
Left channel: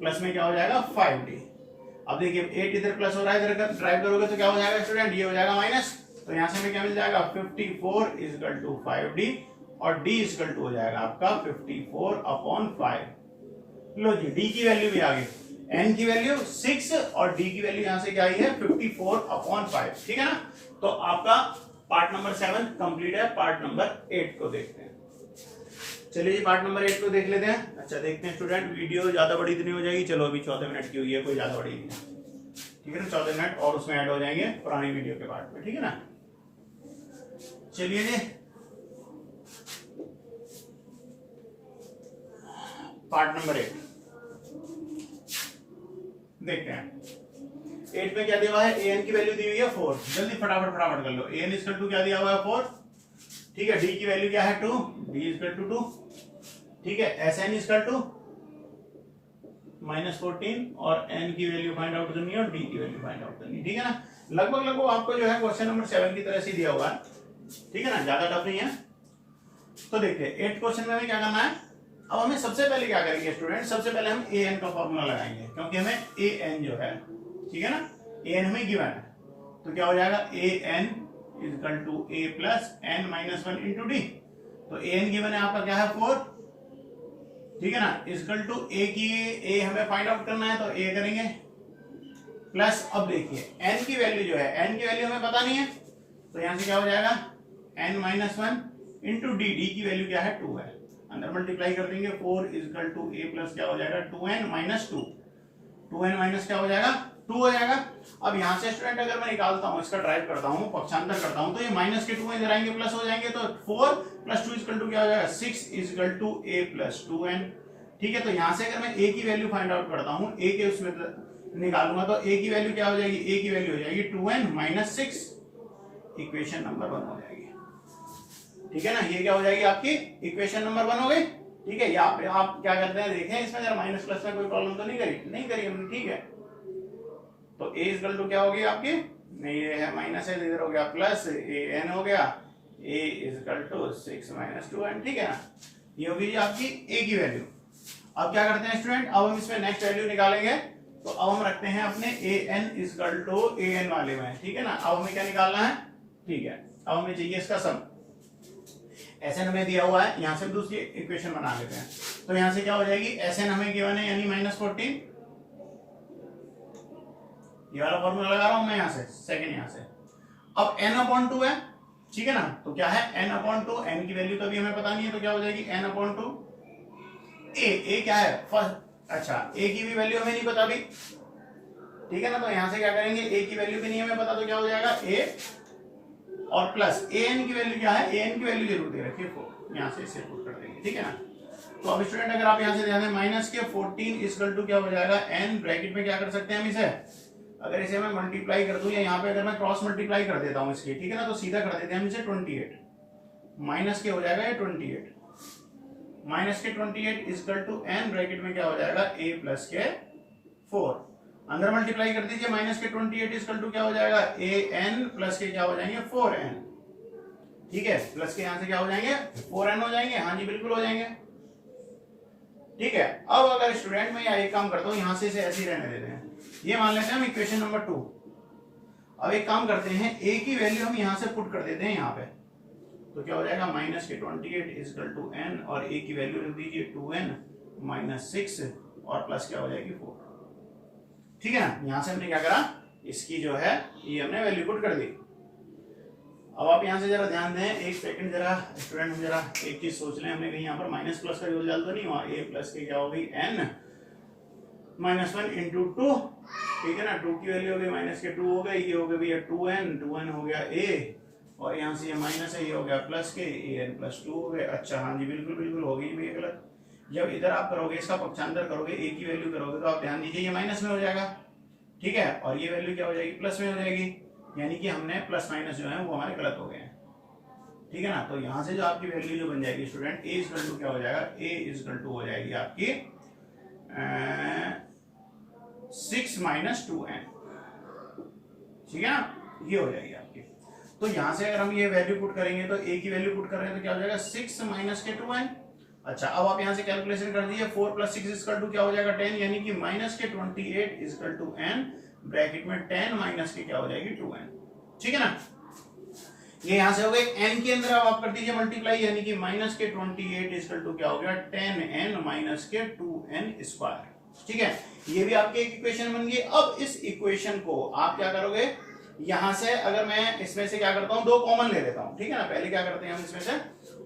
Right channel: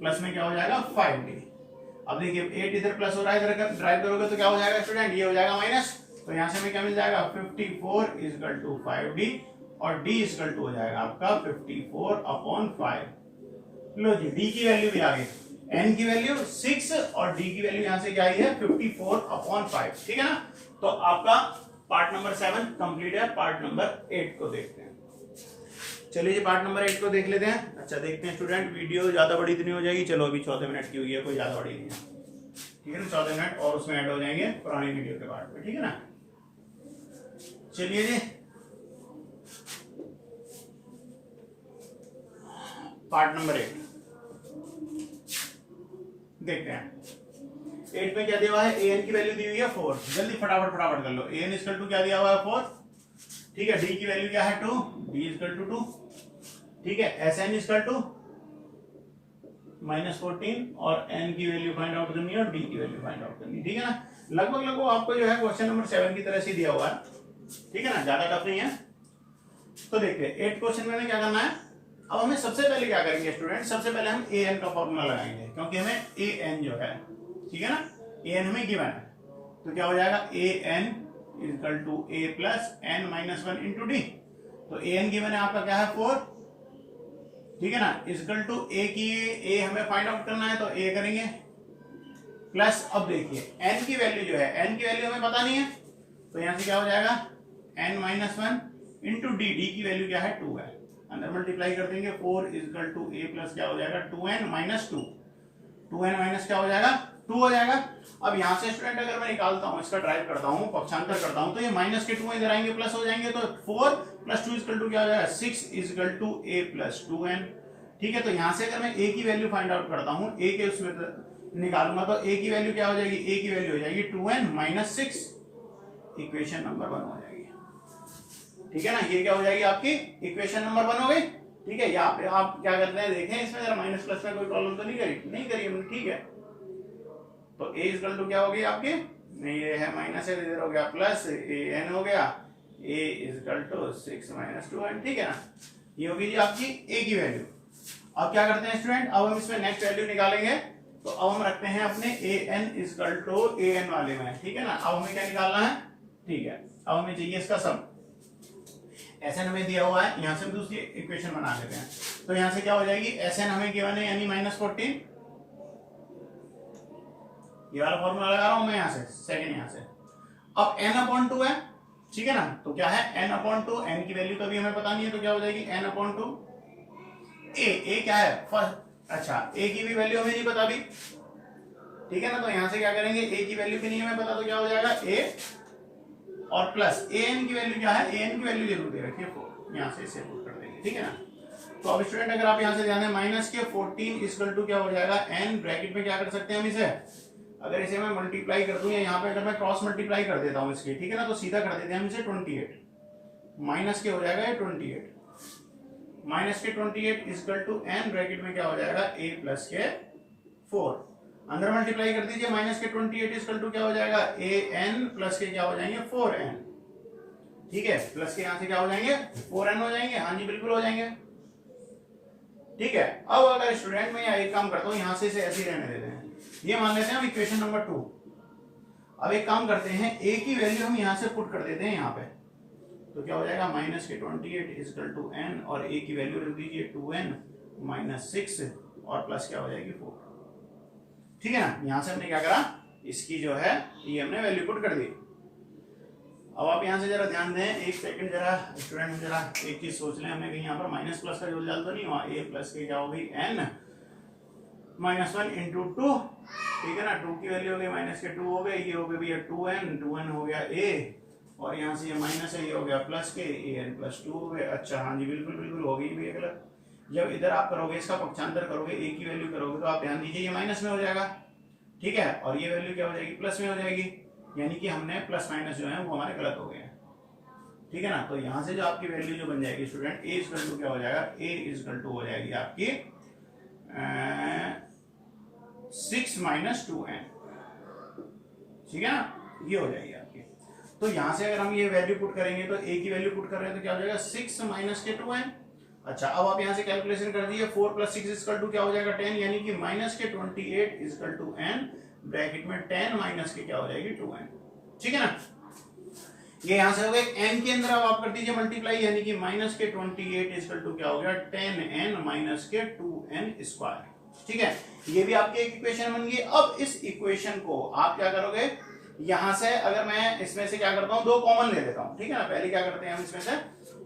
प्लस में क्या हो जाएगा 5d। अब देखिए 8 इधर प्लस हो रहा है, इधर ड्राइव करोगे तो क्या हो जाएगा स्टूडेंट, ये हो जाएगा माइनस। तो यहाँ से हमें क्या मिल जाएगा 54 इक्वल टू 5d और d इक्वल टू हो जाएगा आपका 54/5। लो जी d की वैल्यू भी आ गई, n की वैल्यू 6 और d की वैल्यू यहाँ से क्या आई है 54/5, ठीक है ना। तो आपका पार्ट नंबर 7 कंप्लीट है। पार्ट नंबर 8 को देखते हैं। चलिए जी पार्ट नंबर 8 को देख लेते हैं। अच्छा देखते हैं स्टूडेंट, वीडियो ज्यादा बड़ी तो नहीं हो जाएगी, चलो अभी 14 मिनट की हुई है, कोई ज्यादा बड़ी नहीं है, ठीक है ना। 14 मिनट और उसमें ऐड हो जाएंगे पुरानी वीडियो के पार्ट में, ठीक है ना। चलिए जी पार्ट नंबर 8 देखते हैं। 8 में क्या दिया हुआ है, an की वैल्यू दी हुई है 4, जल्दी फटाफट कर लो। an इक्वल टू क्या दिया हुआ है 4, ठीक है। d की वैल्यू क्या है 2, d इक्वल टू 2, ठीक है। Sn इक्वल टू -14 और n की वैल्यू फाइंड आउट करनी है और d की वैल्यू फाइंड आउट करनी है, ठीक है ना। लगभग आपको जो है क्वेश्चन नंबर 7 की तरह से दिया हुआ है, ठीक है ना, ज्यादा टफ नहीं है। तो देखिए 8 क्वेश्चन में हमें क्या करना है। अब हमें सबसे पहले क्या करेंगे स्टूडेंट, सबसे पहले हम an का फॉर्मूला लगाएंगे, क्योंकि हमें an जो है, ठीक है ना, an हमें गिवन है। तो क्या हो जाएगा an equal to a plus n-1 into d। तो ए एन गिवन है आपका क्या है 4, ठीक है ना, इक्वल टू ए की ए हमें फाइंड आउट करना है तो ए करेंगे प्लस, अब देखिए एन की वैल्यू जो है, एन की वैल्यू हमें पता नहीं है तो यहां से क्या हो जाएगा n minus 1 into d, d की वैल्यू क्या है 2 है, अंदर मल्टीप्लाई कर देंगे 4 इक्वल टू ए प्लस क्या हो जाएगा 2n माइनस 2, 2n माइनस क्या हो जाएगा 2 हो जाएगा। अब यहाँ से स्टूडेंट अगर मैं निकालता हूँ, इसका ड्राइव करता हूँ, पक्षांतर करता हूँ, तो ये माइनस के 2 इधर आएंगे प्लस हो जाएंगे, तो 4 प्लस 2 इक्वल टू क्या हो जाएगा 6 equal to a plus 2n, ठीक है। तो यहाँ से अगर मैं a की वैल्यू फाइंड आउट करता हूँ, a के उसमें निकालूंगा तो a की वैल्यू क्या हो जाएगी, a की वैल्यू हो जाएगी 2n माइनस 6, इक्वेशन नंबर 1 हो जाएगी, ठीक है ना। ये क्या हो जाएगी आपकी इक्वेशन नंबर 1 हो गई, ठीक है। यहाँ पे आप क्या करते हैं देखें, इसमें जरा माइनस प्लस में कोई प्रॉब्लम तो नहीं करी हमने, ठीक है। तो a इक्वल टू क्या होगी आपकी, नहीं ये है माइनस है, इधर हो गया प्लस, ए एन हो गया, a equal to 6 minus 2n, ठीक है ना। ये होगी जी आपकी a की वैल्यू। अब क्या करते हैं स्टूडेंट, अब हम इसमें नेक्स्ट वैल्यू निकालेंगे, तो अब हम रखते हैं अपने a n equal to a n वाले में, ठीक है ना। अब हमें क्या निकालना है, ठीक है, अब हमें चाहिए इसका सम, एसएन हमें दिया हुआ है, यहां से दूसरी इक्वेशन बना लेते हैं। तो यहां से क्या हो जाएगी, एसएन हमें गिवन है यानी माइनस 14, ये वाला फॉर्मूला लगा रहा हूं मैं यहां से, सेकंड यहां से। अब n अपॉन 2 है, ठीक है ना, तो क्या है n अपॉन 2, n की वैल्यू कभी हमें पता नहीं है तो क्या हो जाएगी n अपॉन 2, a क्या है फर्स्ट, अच्छा a की भी वैल्यू हमें नहीं पता अभी, ठीक है ना। तो यहां से क्या करेंगे, a की वैल्यू भी नहीं हमें पता तो क्या हो जाएगा a और प्लस an की वैल्यू क्या है, an की वैल्यू जरूर दे रखिए 4, यहां से इसे पुट कर देंगे, ठीक है ना। तो अब स्टूडेंट अगर आप यहां से ध्यान दें, माइनस के 14 इक्वल टू क्या हो जाएगा n, ब्रैकेट में क्या कर सकते हैं हम इसे, अगर इसे मैं मल्टीप्लाई कर दूं या यहाँ पे अगर मैं क्रॉस मल्टीप्लाई कर देता हूं इसकी, ठीक है ना, तो सीधा कर देते हैं हम इसे 28, माइनस के हो जाएगा ये 28, माइनस के 28 इक्वल टू n, ब्रैकेट में क्या हो जाएगा a प्लस के 4, अंदर मल्टीप्लाई कर दीजिए, माइनस के 28 इक्वल टू क्या हो जाएगा a n प्लस के क्या हो जाएंगे 4n, ठीक है, प्लस के यहां से क्या हो जाएंगे 4n हो जाएंगे, हाँ जी बिल्कुल हो जाएंगे, ठीक है। अब अगर स्टूडेंट में एक काम करता हूं, यहां से इसे ऐसे ही रहने देते हैं, ये मान लेते हैं हम इक्वेशन नंबर 2। अब एक काम करते हैं, a की वैल्यू हम यहां से पुट कर देते हैं यहाँ पे, तो क्या हो जाएगा माइनस के 28 इक्वल टू n, और a की वैल्यू रख दीजिए 2n माइनस 6 और प्लस क्या हो जाएगी 4, ठीक है ना। यहां से हमने क्या करा, इसकी जो है ये हमने वैल्यू पुट कर दी। अब आप यहां से जरा ध्यान दें, एक सेकंड जरा स्टूडेंट जरा एक चीज सोच लें, हमने कहीं यहाँ पर माइनस प्लस का जोल तो नहीं हुआ, a प्लस के क्या हो गई n माइनस 1 इंटू 2, ठीक है ना, 2 की वैल्यू हो गई माइनस के 2 हो गए, ये हो गया भैया 2n हो गया a, और यहाँ से ये माइनस है, ये हो गया प्लस के an प्लस 2 हो गए, अच्छा हाँ जी बिल्कुल बिल्कुल हो गई भैया गलत। जब इधर आप करोगे इसका पक्षांतर करोगे, a की वैल्यू करोगे तो आप ध्यान दीजिए ये माइनस में हो जाएगा, ठीक है, और ये वैल्यू क्या हो जाएगी प्लस में हो जाएगी, यानी कि हमने प्लस माइनस जो है वो हमारे गलत हो गए हैं, ठीक है ना। तो यहाँ से जो आपकी वैल्यू जो बन जाएगी स्टूडेंट, a इक्वल टू क्या हो जाएगा, a इक्वल टू हो जाएगी आपकी 6 माइनस 2n, ठीक है ना, ये हो जाएगी आपकी। तो यहां से अगर हम ये वैल्यू पुट करेंगे तो a की वैल्यू पुट कर रहे हैं तो क्या हो जाएगा 6 माइनस के 2n, अच्छा अब आप यहां से कैलकुलेशन कर दीजिए, 4 प्लस 6 इक्वल टू क्या हो जाएगा 10, यानी कि माइनस के 28 इक्वल टू n, ब्रैकेट में 10 माइनस के क्या हो जाएगी 2n, ठीक है ना। ये यहां से हो गए, n के अंदर अब आप कर दीजिए मल्टीप्लाई, यानी कि माइनस के 28 इक्वल टू क्या हो गया 10n माइनस के 2n स्क्वायर, ठीक है। ये भी आपकी एक इक्वेशन बन गई। अब इस इक्वेशन को आप क्या करोगे, यहां से अगर मैं इसमें से क्या करता हूं, 2 कॉमन ले लेता हूं, ठीक है ना। पहले क्या करते हैं हम इसमें से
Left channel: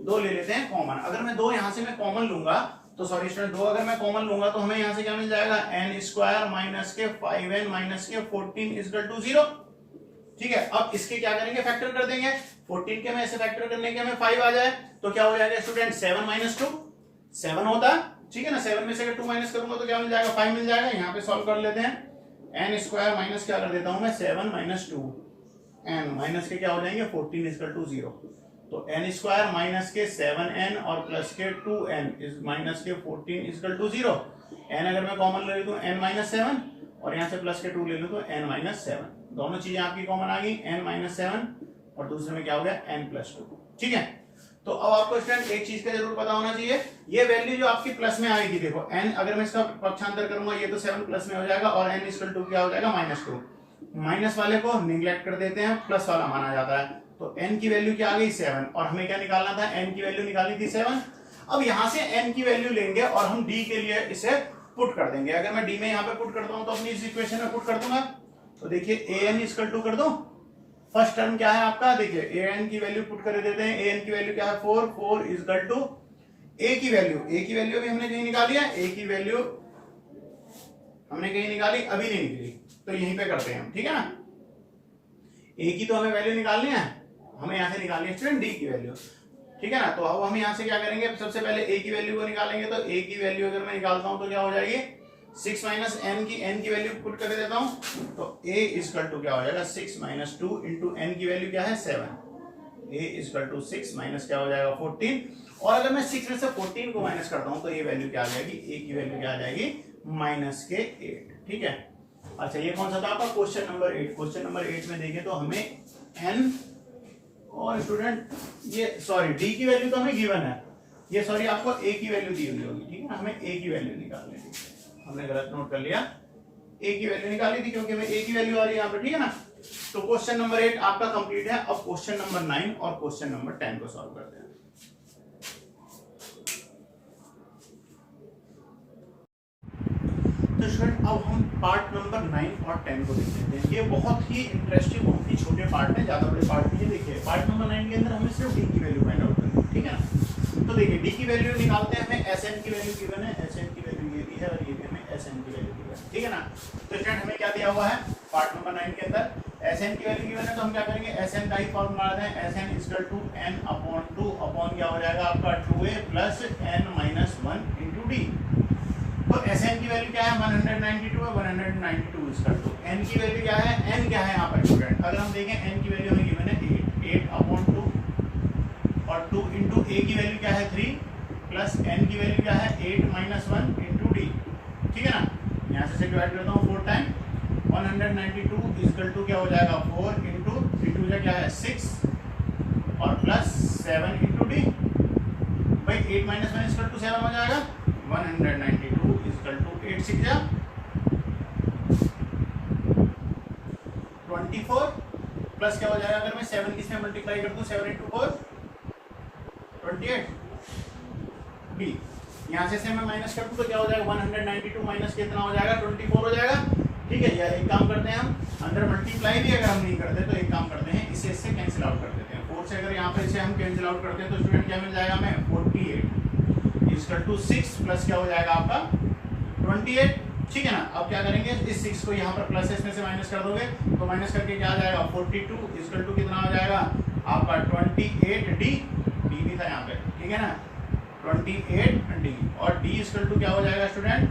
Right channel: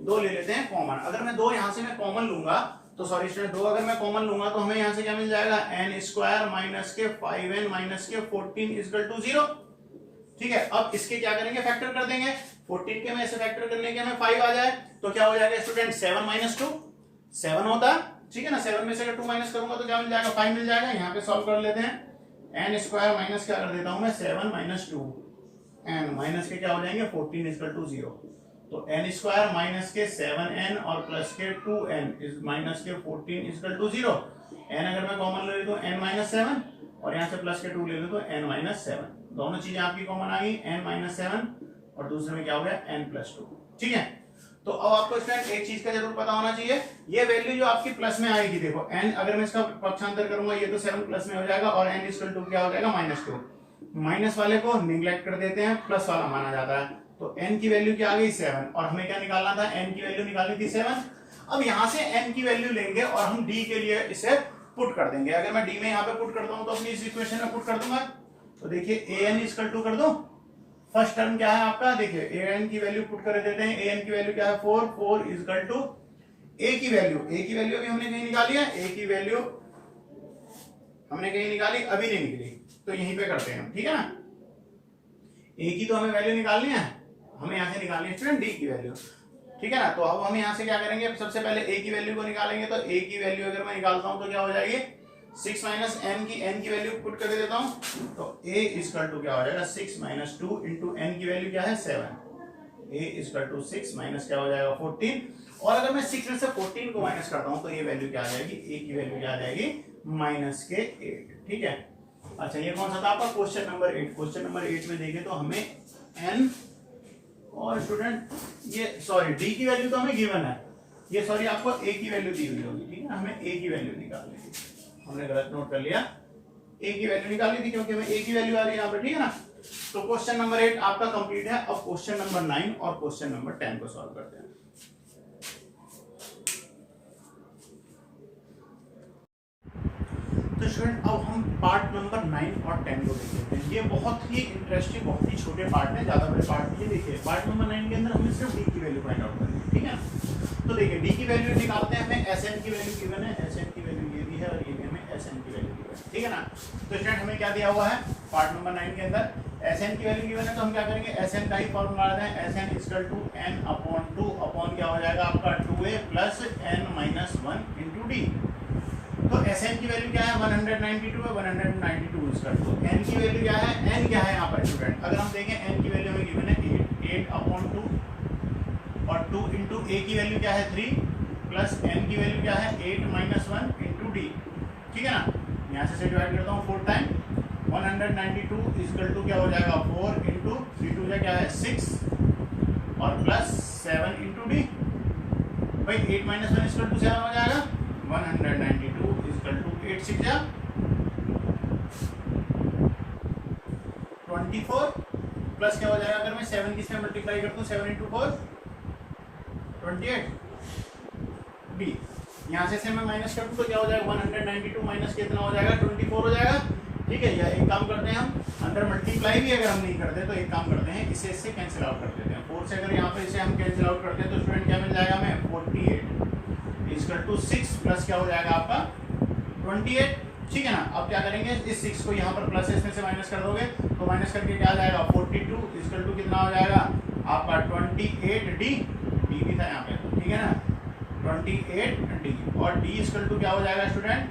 2 ले लेते हैं कॉमन, अगर मैं 2 यहां से मैं कॉमन लूंगा तो सॉरी स्टूडेंट 2 अगर मैं कॉमन लूंगा तो हमें यहां से क्या मिल जाएगा n स्क्वायर माइनस के 5n माइनस के 14 इक्वल टू 0, ठीक है। अब इसके क्या करेंगे, फैक्टर कर देंगे, 14 के में ऐसे फैक्टर करने के हमें 5 आ जाए तो क्या हो जाएगा स्टूडेंट 7 माइनस 2 7 होता है, ठीक है ना। 7 में से अगर 2 माइनस करूंगा तो क्या मिल जाएगा 5 मिल जाएगा। यहाँ पे सॉल्व कर लेते हैं, n स्क्वायर माइनस क्या कर देता हूं मैं 7 माइनस 2 n माइनस के क्या हो जाएंगे 14 इक्वल टू 0, तो n स्क्वायर माइनस के 7n और प्लस के 2n इज माइनस के 14 इक्वल टू 0, n अगर मैं कॉमन ले लूं तो n माइनस 7 और यहाँ से प्लस के 2 ले लूं तो n माइनस 7, दोनों चीजें आपकी कॉमन आ गई, n माइनस 7 और दूसरे में क्या हो गया n प्लस 2, ठीक है। तो अब आपको स्टूडेंट एक चीज का जरूर पता होना चाहिए, ये वैल्यू जो आपकी प्लस में आएगी, देखो n अगर मैं इसका पक्षांतर करूंगा ये तो 7 प्लस में हो जाएगा और n इक्वल टू क्या हो जाएगा माइनस 2, माइनस वाले को निगलेक्ट कर देते हैं, प्लस वाला माना जाता है, तो n की वैल्यू क्या आ गई 7, और हमें क्या निकालना था, n की वैल्यू निकालनी थी 7। अब यहां से n की वैल्यू लेंगे और हम d के लिए इसे पुट कर देंगे। अगर मैं d में यहां पे पुट करता हूं तो अपनी इस इक्वेशन में पुट कर दूंगा, तो देखिए an इक्वल टू कर दो, फर्स्ट टर्म क्या है आपका, देखिए an की वैल्यू पुट कर देते हैं। an की वैल्यू क्या है 4, 4 इक्वल टू a की वैल्यू भी हमने कहीं निकाली है, a की वैल्यू हमने कहीं निकाली, अभी नहीं निकली, तो यहीं पे करते हैं हम, ठीक है ना। a की तो हमें वैल्यू निकालनी है, हमें यहां से निकालनी है स्टूडेंट d की वैल्यू, ठीक है ना। तो अब हम यहां से क्या करेंगे, सबसे पहले a की वैल्यू को निकालेंगे। तो a की वैल्यू अगर मैं निकालता हूं तो क्या हो जाएगी 6 माइनस n की वैल्यू पुट कर देता हूं, तो a इक्वल टू क्या हो जाएगा 6 माइनस 2 इंटू n की वैल्यू क्या है 7, a इक्वल टू 6 माइनस क्या हो जाएगा 14, और अगर मैं 6 में से 14 को माइनस करता हूं तो ये वैल्यू क्या आ जाएगी, a की वैल्यू क्या आ जाएगी माइनस के 8, ठीक है। अच्छा ये कौन सा था आपका क्वेश्चन नंबर 8। क्वेश्चन नंबर 8 में देखें तो हमें n और स्टूडेंट ये सॉरी d की वैल्यू तो हमें गिवन है, ये सॉरी आपको a की वैल्यू दी हुई होगी, ठीक है ना। हमें a की वैल्यू निकालनी थी, हमने गलत नोट कर लिया, a की वैल्यू निकाली थी क्योंकि हमें a की वैल्यू आ रही है यहाँ पे, ठीक है ना। तो क्वेश्चन नंबर 8 आपका कंप्लीट है। अब क्वेश्चन नंबर 9 और क्वेश्चन नंबर 10 को सॉल्व करते हैं। तो स्टूडेंट अब हम पार्ट नंबर 9 और 10 को देख लेते हैं। ये बहुत ही इंटरेस्टिंग, बहुत ही छोटे पार्ट हैं, ज्यादा बड़े पार्ट नहीं है। देखिए पार्ट नंबर 9 के अंदर हमें सिर्फ d की वैल्यू फाइंड आउट करनी है, ठीक है ना। तो देखिए d की वैल्यू निकालते हैं, हमें sn की वैल्यू गिवन है, sn की वैल्यू ये भी है और ये भी हमें sn की वैल्यू गिवन है, ठीक है ना। तो स्टूडेंट हमें क्या दिया हुआ है पार्ट नंबर 9 के अंदर, sn की वैल्यू गिवन है, तो हम क्या करेंगे sn का ही फॉर्मूला लगाते हैं, sn equal to n upon 2 upon क्या हो जाएगा आपका 2a plus n minus 1 into d। तो Sn की वैल्यू क्या है 192 है, 192 इक्वल टू n की वैल्यू क्या है, n क्या है यहाँ पर स्टूडेंट, अगर हम देखें n की वैल्यू हमें गिवन है 8 अपॉन 2 और 2 इंटू a की वैल्यू क्या है 3 प्लस n की वैल्यू क्या है 8 माइनस 1 इंटू d, ठीक है ना। यहाँ से डिवाइड करता हूँ 4 टाइम, 192 इक्वल टू क्या हो जाएगा 4 इंटू 3 2 क्या है 6 और प्लस 7 इंटू d। भाई 8 माइनस 1 इक्वल टू 7 हो जाएगा, 192 इक्वल टू 8 6 जा 24 प्लस क्या हो जाएगा, अगर मैं 7 किसमें मल्टीप्लाई कर दूं 7 इंटू 4 28 b। यहाँ से मैं माइनस कर दूं तो क्या हो जाएगा 192 माइनस कितना हो जाएगा 24 हो जाएगा, ठीक है। या एक काम करते हैं हम अंदर मल्टीप्लाई भी अगर हम नहीं करते तो एक काम करते हैं इसे इससे कैंसिल आउट कर देते हैं। 4 से अगर यहाँ पे इसे हम कैंसिल आउट करते हैं तो स्टूडेंट क्या मिल जाएगा हमें 48 इक्वल टू 6 प्लस क्या हो जाएगा आपका 28, ठीक है ना। अब क्या करेंगे इस 6 को यहाँ पर प्लस इसमें से माइनस कर दोगे तो माइनस करके क्या आ जाएगा 42 इक्वल टू कितना हो जाएगा आपका 28 d भी था यहाँ पे, ठीक है ना 28 d, और d इक्वल टू क्या हो जाएगा स्टूडेंट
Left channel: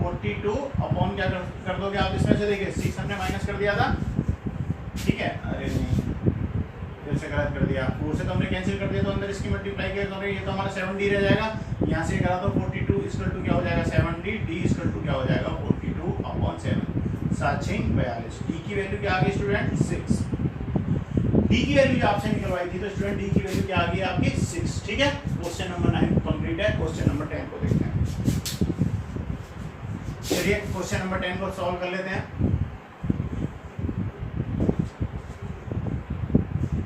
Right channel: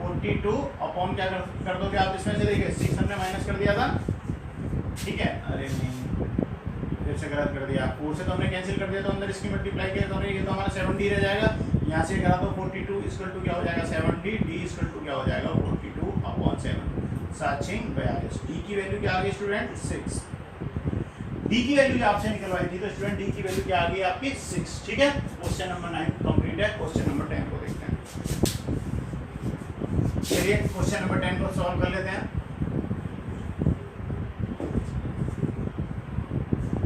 42 अपॉन क्या कर दोगे आप इसमें से, देखिए 6 हमने माइनस कर दिया था, ठीक है। अरे नहीं फिर से गलत कर दिया, 4 से तो हमने कैंसिल कर दिया तो अंदर इसकी मल्टीप्लाई किया तो ये तो हमारा 7d रह जाएगा, यहाँ से करा तो 42 इक्वल टू क्या हो जाएगा 7d, d इक्वल टू क्या हो जाएगा 42 अपॉन 7 7 6 42। d की वैल्यू क्या आ गई स्टूडेंट 6, d की वैल्यू आपसे निकलवाई थी तो स्टूडेंट d की वैल्यू क्या आ गई आपकी 6, ठीक है। क्वेश्चन नंबर 9 कंप्लीट है। क्वेश्चन नंबर 10 को देखते हैं। चलिए क्वेश्चन नंबर 10 को सॉल्व कर लेते हैं।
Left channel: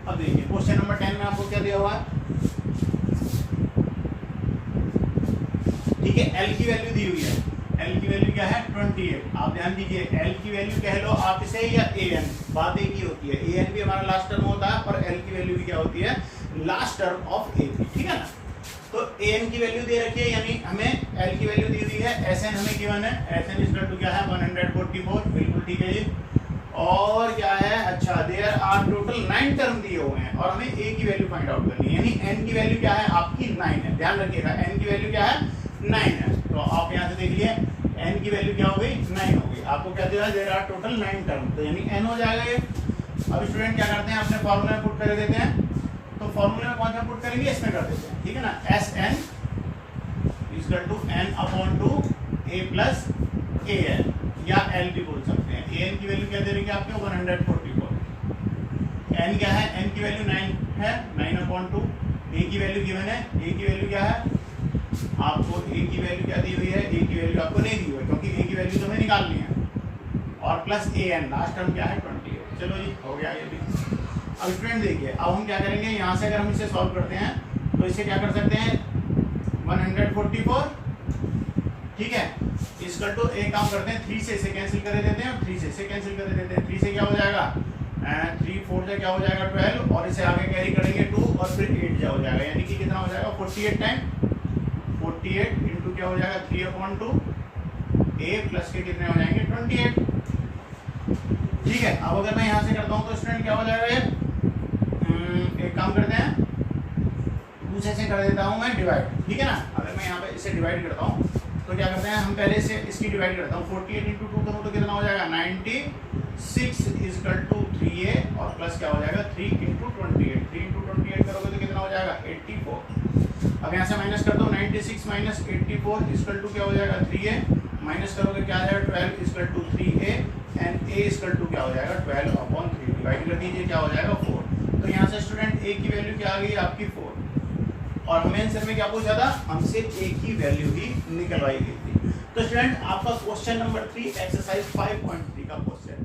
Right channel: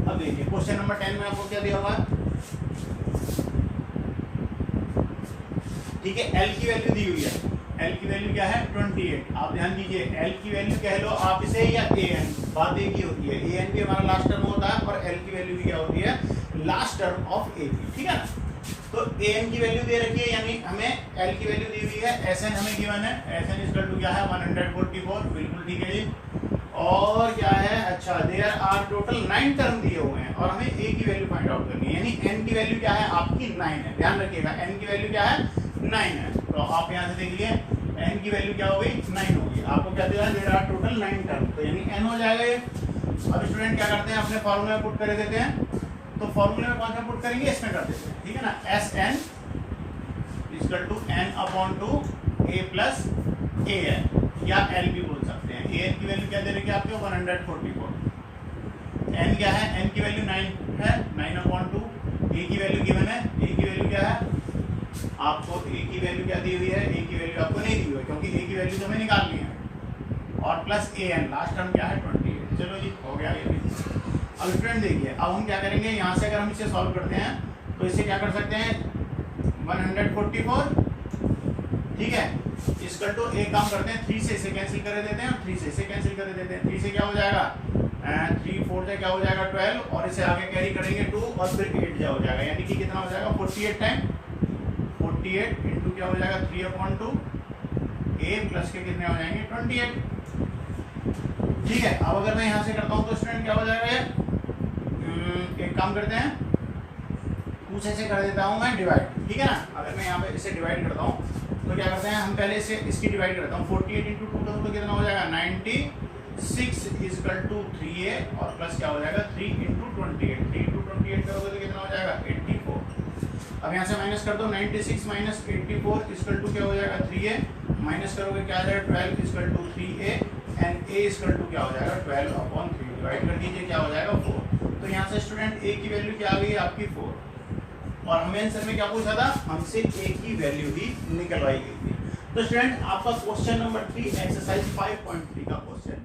अब देखिए क्वेश्चन नंबर 10 में आपको क्या दिया हुआ है, ठीक है। L की वैल्यू दी हुई है, L की वैल्यू क्या है 28। आप ध्यान दीजिए L की वैल्यू कह लो आप इसे या an, बात एक ही होती है, an भी हमारा लास्ट टर्म होता है और L की वैल्यू भी क्या होती है लास्ट टर्म ऑफ a, ठीक है ना। तो an की वैल्यू दे रखी है यानी हमें L की वैल्यू दी हुई है, Sn हमें गिवन है, Sn इक्वल टू क्या है 144, बिल्कुल ठीक है जी। और क्या है, अच्छा देयर आर टोटल 9 टर्म दिए हुए हैं और हमें a की वैल्यू फाइंड आउट करनी है, यानी n की वैल्यू क्या है आपकी 9 है, ध्यान रखिएगा n की वैल्यू क्या है 9 है। तो आप यहाँ से देख लिए n की वैल्यू क्या हो गई 9 होगी, आपको क्या दिया देयर आर टोटल 9 टर्म, तो यानी n हो जाएगा ये। अब स्टूडेंट क्या करते हैं अपने फॉर्मूले में पुट कर देते हैं, तो फॉर्मूले में कौन सा पुट करेंगे इसमें कर देते हैं, ठीक है ना। Sn equal to n upon 2 a plus an या L भी बोल सकते हैं। an की वैल्यू क्या दे रही है आपको 144, n क्या है n की वैल्यू 9 है 9 अपॉन 2, a की वैल्यू गिवन है, a की वैल्यू क्या है आपको, a की वैल्यू क्या दी हुई है, a की वैल्यू आपको नहीं दी हुई है क्योंकि a की वैल्यू तो हमें निकालनी है, और प्लस an लास्ट टर्म क्या है 28। चलो जी हो गया ये भी। अब स्टूडेंट देखिए, अब हम क्या करेंगे, यहाँ से अगर हम इसे सॉल्व करते हैं तो इसे क्या कर सकते हैं 144, ठीक है, इसका तो एक काम करते हैं 3 से इसे कैंसिल कर देते हैं, 3 से इसे कैंसिल कर देते हैं, 3 से क्या हो जाएगा 3 4 से क्या हो जाएगा 12, और इसे आगे कैरी करेंगे 2 और फिर 8 क्या हो जाएगा, यानी कि कितना हो जाएगा 48 टाइम 48 इंटू क्या हो जाएगा 3/2 a प्लस के कितने हो जाएंगे 28, ठीक है। अब अगर मैं यहाँ से करता हूँ तो स्टूडेंट क्या हो जाएगा ये, एक काम करते हैं दूसरे से कर देता हूँ मैं डिवाइड, ठीक है ना। अगर मैं यहाँ पे इसे डिवाइड करता हूँ तो क्या करते हैं हम पहले से इसकी डिवाइड करता हूँ, 48 इंटू 2 करूँ तो कितना हो जाएगा 96 इजकल टू 3a और प्लस क्या हो जाएगा 3 इंटू 28, 3 इंटू 28 करोगे तो कितना हो जाएगा 84। अब यहाँ से माइनस कर दो, 96 माइनस 84 इजकल टू क्या हो जाएगा 3a, माइनस करोगे क्या आ जाएगा 12 equal to 3a and a equal to क्या हो जाएगा 12/3, डिवाइड कर दीजिए क्या हो जाएगा 4। तो यहाँ से स्टूडेंट a की वैल्यू क्या आ गई आपकी 4, और हमें आंसर में क्या पूछा था, हमसे a की वैल्यू ही निकलवाई गई थी। तो स्टूडेंट आपका क्वेश्चन नंबर 3 एक्सरसाइज 5.3 का क्वेश्चन